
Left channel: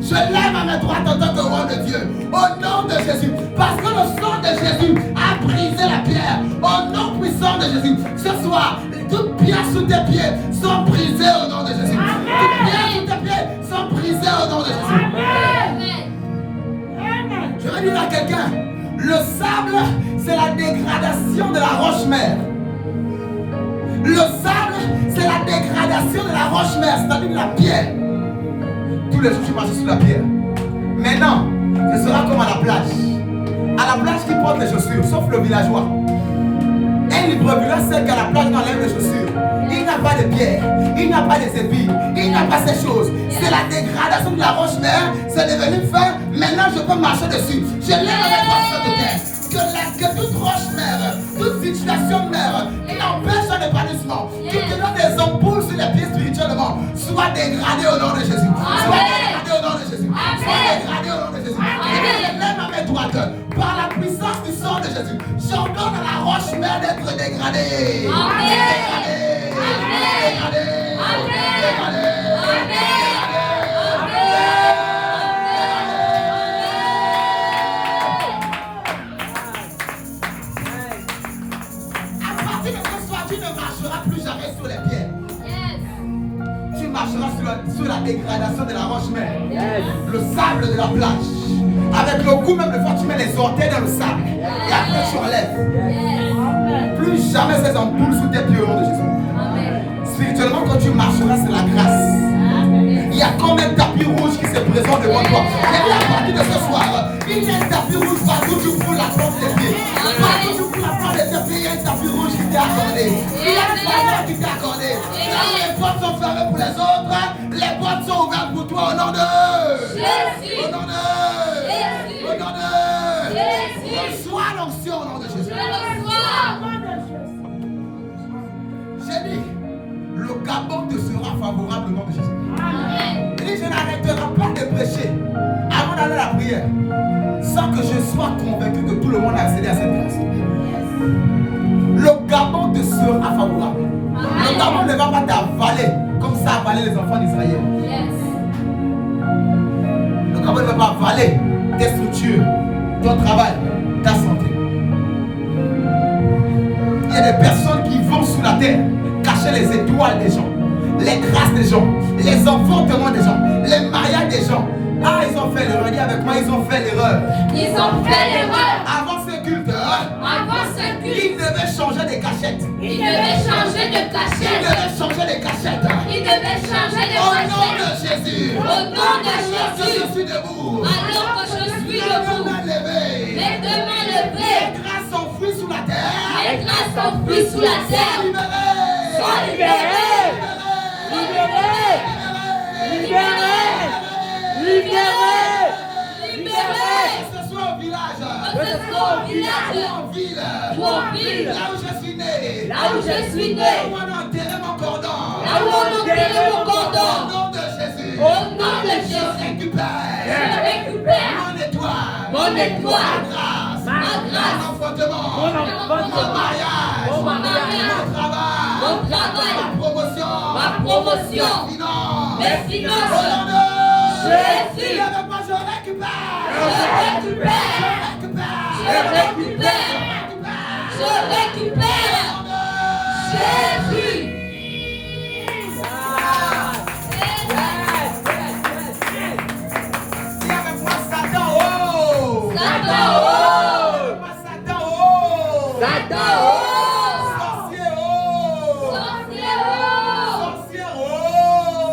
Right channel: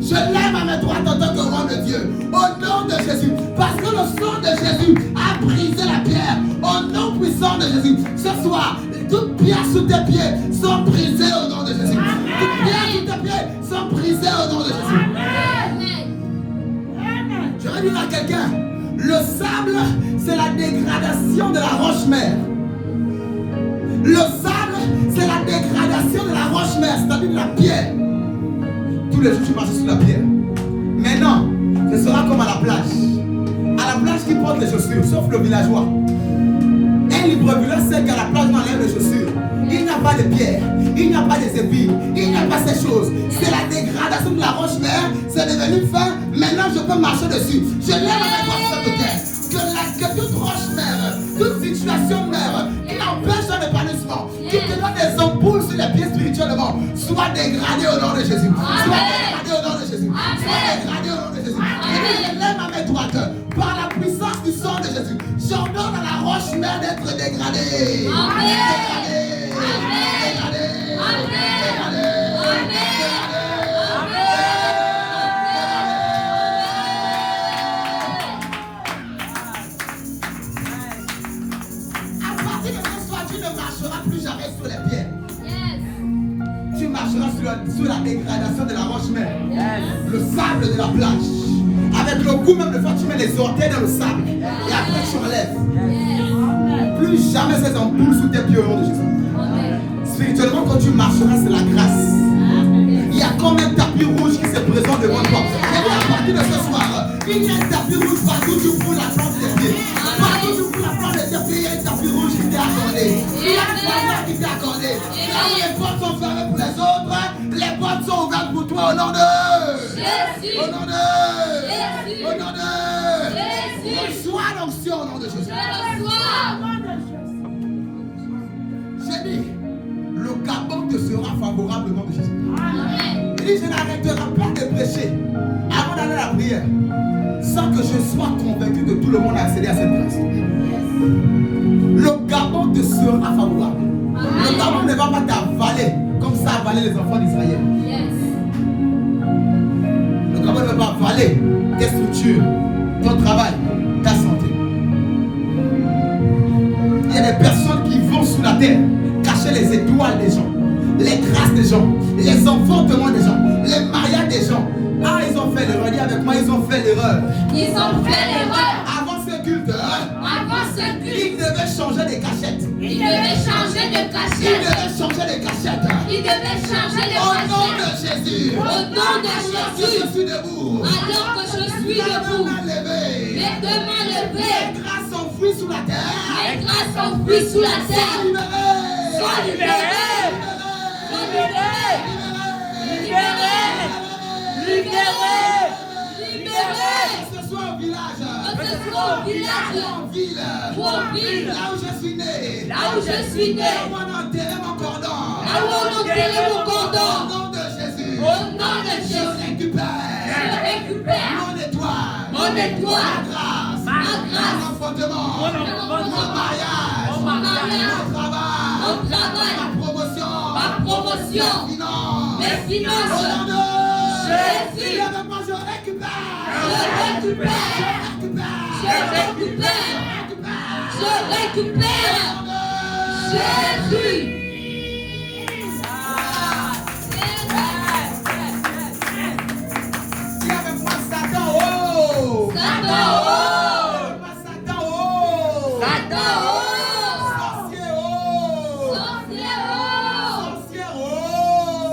Je lève à mes droites en tant que roi de Dieu. Au nom de Jésus. Parce que le sang de Jésus a brisé la pierre. Au nom puissant de Jésus. Ce soir, toutes pierres sous tes pieds sont brisées au nom de Jésus. Toutes pierres sous tes pieds sont brisées au nom de Jésus. Je vais dire à quelqu'un, le sable, c'est la dégradation de la roche-mère. Le sable, c'est la dégradation de la roche-mère, c'est-à-dire de la pierre. Tous les jours, tu marches sur la pierre. Maintenant, ce sera comme à la plage. À la plage qui porte les chaussures, sauf le villageois. Et il brebis sait qu'à la plage, on enlève les chaussures. Il n'y a pas de pierre, il n'y a pas des épines, il n'y a pas ces choses. C'est la dégradation de la roche-mère, c'est devenu fin. Maintenant, je peux marcher dessus. Je lève avec moi sur cette terre. Que toute roche-mère, toute situation-mère qui empêche son épanouissement, qui te donne des ampoules sur les pieds spirituellement, soit dégradée au nom de Jésus. Soit dégradée au nom de Jésus. Soit dégradée au nom de Jésus. Et je lève à mes droites. Par la puissance du sang de Jésus, j'ordonne à la roche-mère d'être dégradée. Dégradée. À partir de ce soir, tu ne marcheras plus jamais sur les pierres. Tu marcheras sur la dégradation de la roche-mère. Le sable de la plage. Avec le goût même de fois, tu mets les orteils dans le sable. Et après, tu enlèves. Plus jamais ces ampoules sous tes pieds au nom de Jésus. Spirituellement, quand tu marcheras, c'est la grâce. Il y a comme un tapis rouge qui se présente devant toi. Et à partir de ce soir, il y a un tapis rouge partout tu fous la plante des pieds. Partout tu fous la plante des pieds, il y a un tapis rouge qui t'est accordé. Il y a une faveur qui t'est accordée. Là où les portes sont fermées pour les autres, les portes sont ouvertes pour toi au nom de Jésus. Au nom de Jésus. Au nom de Jésus. Reçois l'onction au nom de Jésus. J'ai dit, le Gabon te sera favorable au nom de Jésus. Il dit, je n'arrêterai pas de prêcher avant d'aller à la prière sans que je sois convaincu que tout le monde a accédé à cette grâce. Le Gabon te sera favorable. Le Gabon ne va pas t'avaler comme ça avalé les enfants d'Israël. Le Gabon ne va pas avaler tes structures, ton travail, ta santé. Il y a des personnes qui vont sous la terre cacher les étoiles des gens, les grâces des gens, les enfantements des gens, les mariages des gens. Ah, ils ont fait l'erreur. Dis avec moi, ils ont fait l'erreur. Ils ont fait l'erreur. Avant ce culte, Avant ce culte, ils devaient changer des cachettes. ils devaient changer de Ils cachette. devaient changer des cachettes. Ils devaient changer de Au nom de cachette. Jésus. Au nom de Jésus. Je suis debout. Alors que je suis Les debout, mains levées. les deux mains levées, Les grâces s'enfuient sous la terre. les grâces s'enfuient sous la terre. Libérés. Sois libéré. Libéré. Libéré. Libéré. Libéré. Que ce soit au village. Que ce soit au village. Ou en ville. Ou en ville. Là où je suis né. Là où je suis né. Là où on a enterré mon cordon. Là où on enterrait mon Au cordon. nom de Jésus. Au nom de Je Jésus. récupère. Je récupère Mon étoile. mon étoile. Ma grâce. Ma grâce. Mon enfantement. Mon mariage. Mon mariage. Mon travail. Mon travail. Ma promotion. Ma promotion. Mes finances. Mes Au finances. nom de Jésus. Dis avec moi, je récupère. Je récupère. Je récupère. Je récupère. Je récupère. Jésus. Dis avec moi, Satan, oh. Satan, oh. Dis avec moi, Satan, oh. Satan, oh. Sorcier, oh. Sorcier, oh. Sorcier, oh.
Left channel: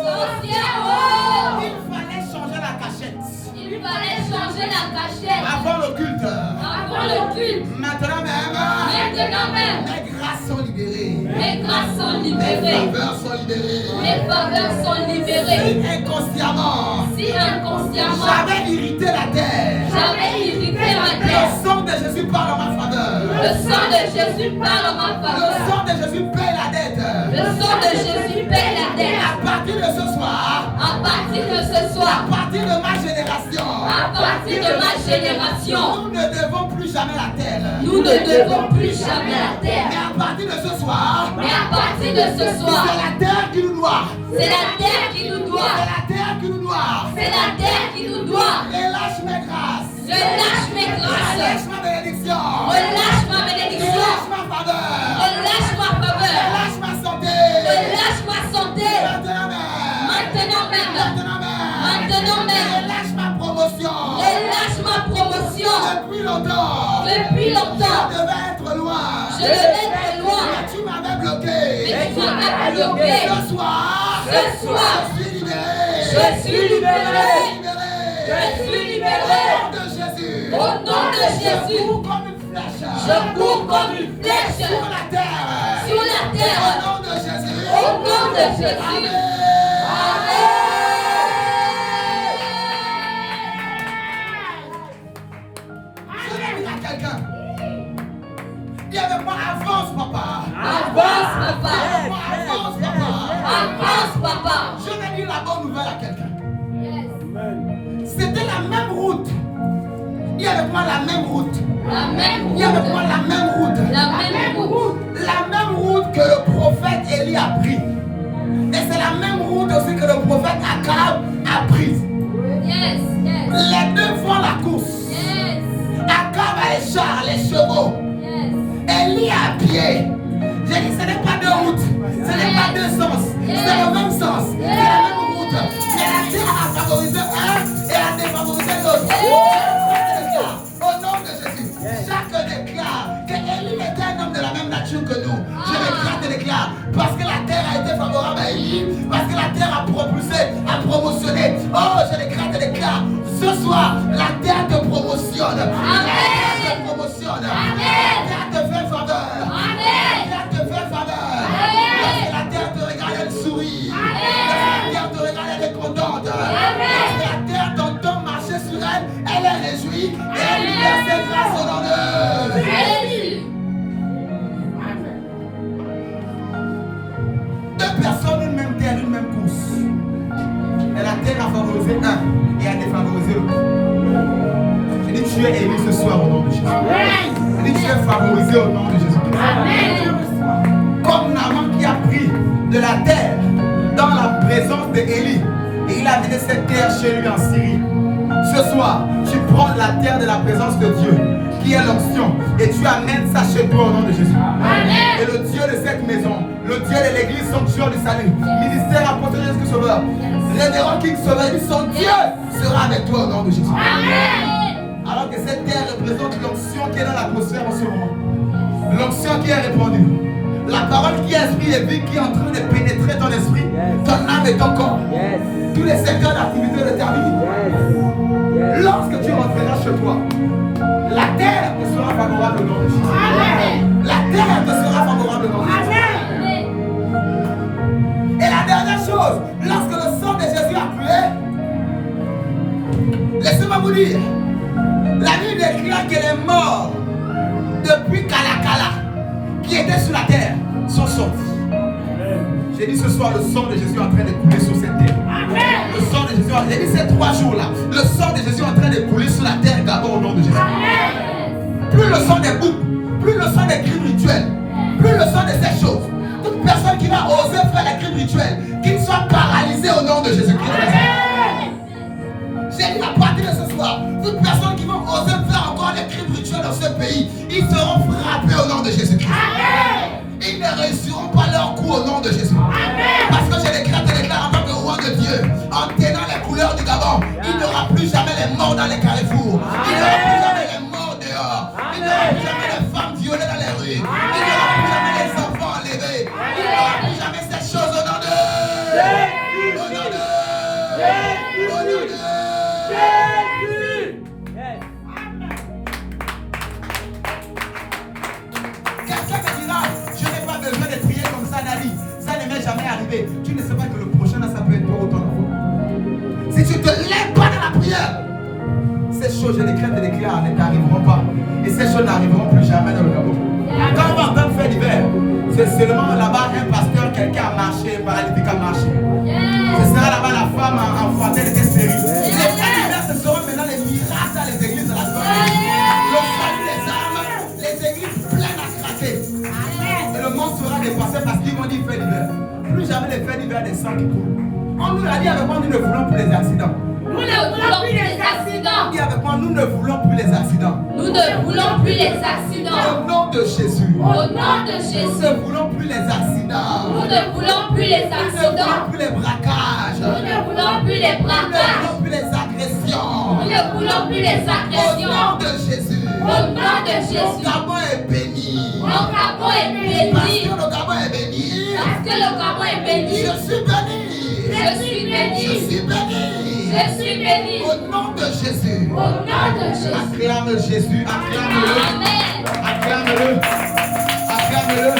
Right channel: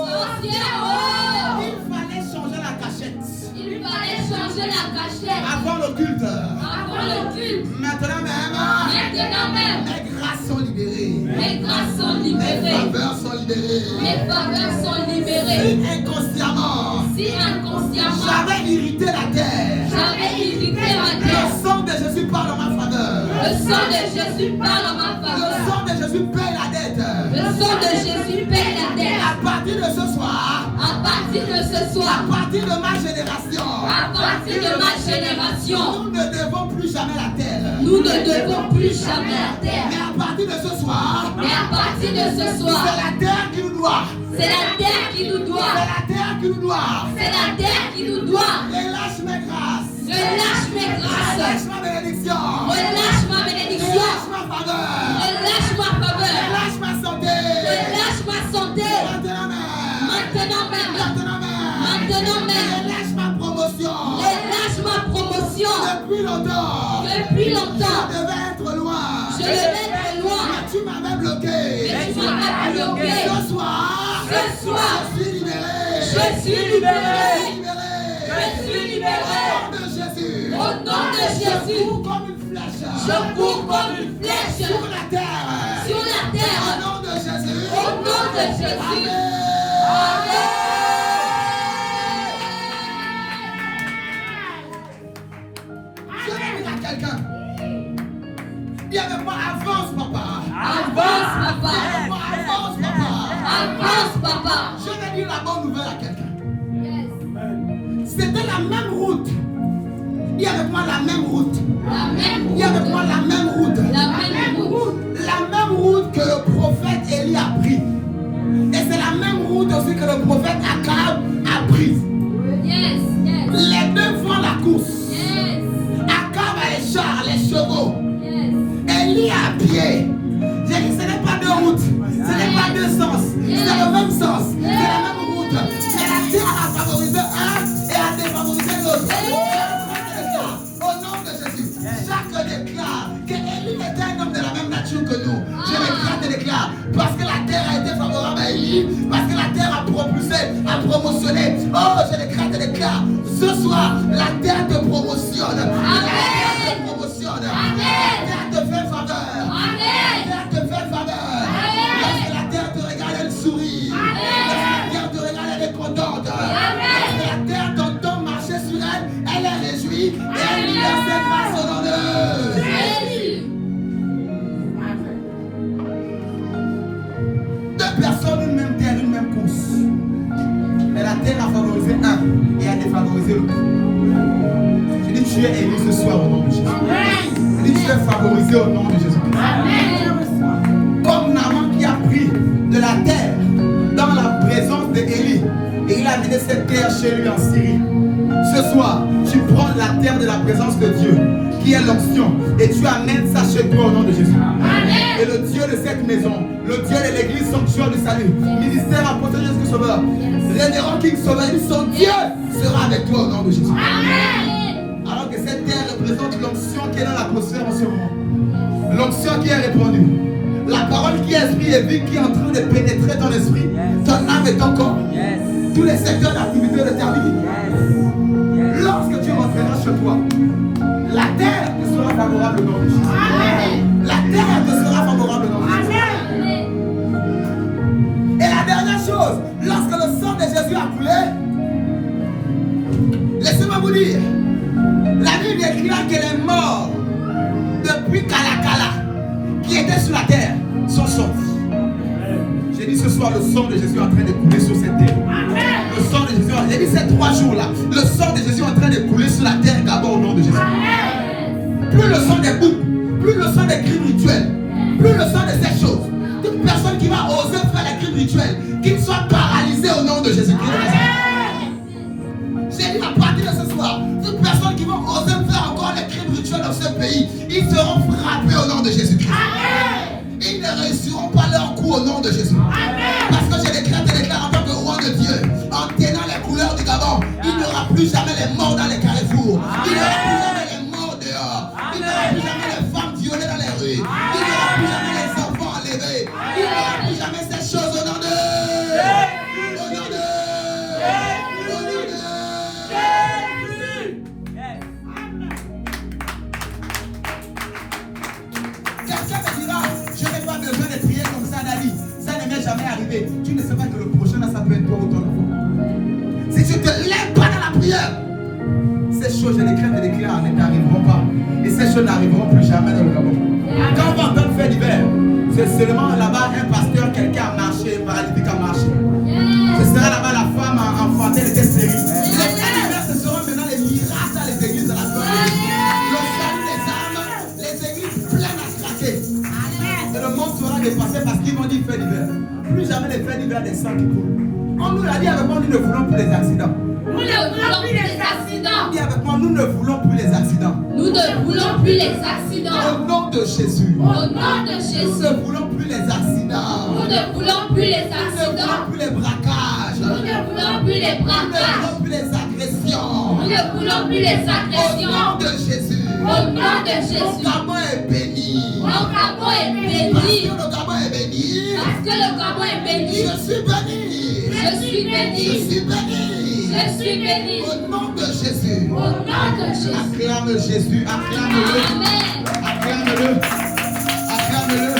Sorcier, oh. Il fallait changer la cachette. Il fallait changer la cachette Avant le culte. avant le culte. Maintenant même. Maintenant même, Mes grâces sont libérées. mes grâces sont Mes libérées. faveurs sont libérées. Mes faveurs sont libérées. Si inconsciemment, Si inconsciemment, j'avais irrité la terre, j'avais irrité ma terre, le sang de Jésus parle en ma faveur. le sang de Jésus parle en ma Le faveur. sang de Jésus paye la dette. Le sang de Jésus paye la dette. À partir de ce soir, À partir de ce à soir, partir de ma génération, à partir de ma génération, nous ne devons plus jamais la terre. nous ne devons plus jamais la Mais terre. à partir de ce soir, Mais à partir de ce soir, c'est la terre qui nous doit. c'est la terre qui nous C'est doit. la terre qui nous doit. C'est la terre qui nous doit. Relâche mes grâces. Relâche mes Relâche grâces. ma bénédiction. Relâche ma bénédiction. Relâche ma faveur. Relâche ma faveur. Relâche ma santé. Relâche ma santé. Maintenant même. Maintenant même. Maintenant même. Maintenant même. Relâche ma promotion. Relâche ma promotion. Depuis longtemps. Depuis longtemps, Je devais être loin. je devais être loin. Mais tu m'avais bloqué. Mais tu m'as bloqué. Ce soir. Ce soir, Je suis libéré. je suis libéré. Je suis libéré. Je suis libéré. Au nom de Jésus. Au nom de Je Jésus, cours comme une flèche. je cours comme une flèche Sur la terre. Jésus. Je vais dire à quelqu'un. Dis avec moi, avance papa. Avance, papa. Avance papa. Avance, papa. Je vais dire la bonne nouvelle à quelqu'un. C'était la même route. Dis avec moi la même route. La même Dis avec moi la même route. La même route. La même route que le prophète Élie a pris. Et c'est la même route aussi que le prophète Akab a prise. Yes, yes. Les deux font la course. Yes. Akab a les chars, les chevaux. Yes. Élie à pied. J'ai dit ce n'est pas deux routes. Ce n'est pas deux sens. C'est le même sens. C'est la même route. Mais la terre a favorisé un et a défavorisé l'autre. Au nom de Jésus, chaque déclare que Élie était un homme de la même nature que nous. Je déclare, parce que la terre a été favorable à Élie, parce que la terre a propulsé, a promotionné. Oh, je déclare, ce soir, la terre te promotionne. La terre te promotionne. La terre te fait faveur. La terre te fait faveur. Lorsque la terre te regarde, elle sourit. Lorsque la terre te regarde, elle est contente. Lorsque la terre t'entend marcher sur elle, elle est réjouie et elle lui laisse ses grâces au nom de Jésus. Deux personnes, une même terre, une même course. Mais la terre a favorisé un et a défavorisé l'autre. Je dis tu es élu ce soir au nom de Jésus. Je dis tu es favorisé au nom de Jésus. Comme Naaman qui a pris de la terre dans la présence d'Élie et il a amené cette terre chez lui en Syrie. Ce soir, tu prends la terre de la présence de Dieu, qui est l'onction, et tu amènes ça chez toi au nom de Jésus. Et le Dieu de cette maison, le Dieu de l'église, sanctuaire du salut, ministère apôtre Jésus Sauveur, révérend King Sauveur, son Dieu sera avec toi au nom de Jésus. Alors que cette terre représente l'onction qui est dans l'atmosphère en ce moment. L'onction qui est répandue. La parole qui est esprit et vie qui est en train de pénétrer ton esprit, ton âme et ton corps. Tous les secteurs d'activité de ta vie. Lorsque tu rentreras chez toi, la terre te sera favorable au nom de Jésus. La terre te sera favorable au nom de Jésus. Et la dernière chose, lorsque le sang de Jésus a coulé, laissez-moi vous dire, la Bible déclare que les morts depuis Kalakala qui étaient sur la terre sont sortis. J'ai dit ce soir, le sang de Jésus est en train de couler sur cette terre. Le sang de Jésus, j'ai dit ces 3 jours-là, le sang de Jésus est en train de couler sur la terre d'abord au nom de Jésus. Plus le sang des boucs, plus le sang des crimes rituels, plus le sang de ces choses. Toute personne qui va oser faire les crimes rituels, qu'il soit paralysé au nom de Jésus-Christ. J'ai dit à partir de ce soir, toute personne qui va oser faire encore les crimes rituels dans ce pays, ils seront frappés au nom de Jésus-Christ. Ils ne réussiront pas leur coup au nom de Jésus. Parce que je déclare en tant que roi de Dieu, en tenant les couleurs du Gabon, il n'y aura plus jamais les morts dans les carrefours. Il n'y aura plus jamais les morts dehors. Il n'y aura plus jamais les femmes violées dans les rues. Il n'y aura plus jamais les enfants enlevés. Il n'y aura plus jamais ces choses au nom de Jésus. Au nom de Jésus. Au nom de Jésus. Quelqu'un me dira, je n'ai pas besoin de prier comme ça, Dali. Ça ne m'est jamais arrivé. Tu ne sais pas que le prochain, ça peut être toi ou ton enfant. Si tu ne te lèves pas dans la prière, ces choses, je les crains de déclarer, ne t'arriveront pas. Et ces choses n'arriveront plus jamais dans le Gabon. Quand on va entendre faire d'hiver, c'est seulement là-bas un pasteur, quelqu'un a marché, un paralytique a marché. Ce sera là-bas la femme enfantée, elle était stérile. Les faits d'hiver, ce seront maintenant les miracles dans les églises de la gloire. Le salut des âmes, les églises pleines à craquer. Et le monde sera dépassé parce qu'ils vont dire fait d'hiver. Plus jamais les faits d'hiver des sangs qui coulent. On nous l'a dit avec moi, nous ne voulons plus les accidents. Nous ne voulons plus les accidents. Dis avec moi, nous ne voulons plus les accidents. Nous ne voulons plus les accidents. Au nom de Jésus. Au nom de Jésus. Nous ne voulons plus les accidents. Nous ne voulons plus les Nous ne voulons accidents. plus les braquages. Nous ne voulons plus les Nous ne braquages. voulons plus les agressions. Nous ne voulons plus les Au nom agressions. de Jésus. Au nom de Mon Jésus. Gabon est béni. Mon Gabon est Parce béni. que le Gabon est béni. Parce que le Gabon est béni. Je suis béni. Je suis Je béni. suis béni. Je suis béni. Au nom de Jésus. Au nom de Jésus. Acclame Jésus. Acclame-le. Amen. Acclame-le. Acclame-le.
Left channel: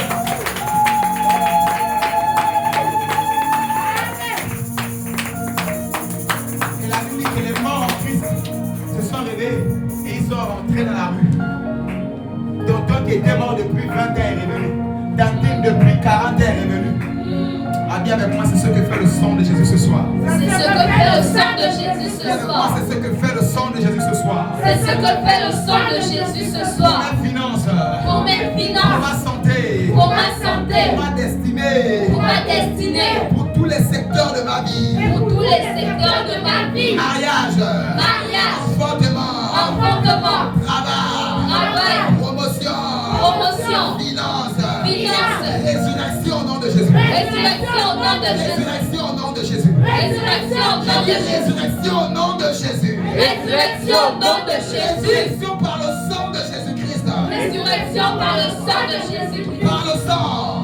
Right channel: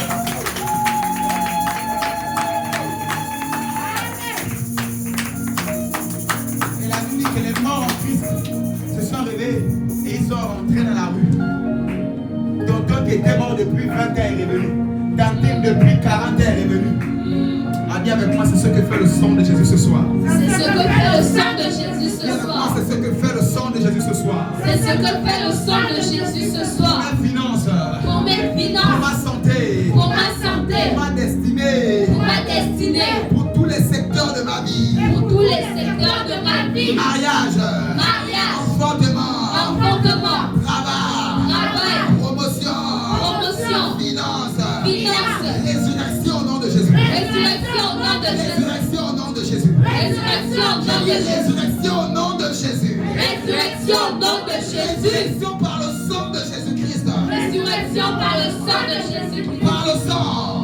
Dis avec moi, c'est ce que fait le sang de Jésus ce soir. C'est ce que fait le sang de Jésus Dis ce avec moi, soir. c'est ce que fait le sang de Jésus ce soir. C'est ce que fait le sang de Jésus ce Pour soir. mes finances, Pour mes pour finances, ma santé, pour ma santé, pour ma destinée, pour ma destinée, pour tous les secteurs de ma vie. pour tous les secteurs de ma vie. Mariage, Mariage, enfantement, enfantement, travail, travail, promotion, promotion, finance, finance, résurrection au nom de Jésus. résurrection au nom de Jésus. Résurrection au nom de Jésus. Résurrection au nom de Jésus. Résurrection au nom de Jésus. Résurrection au nom de Jésus. Résurrection par le sang de Jésus-Christ. Résurrection par le sang de Jésus. Par le sang.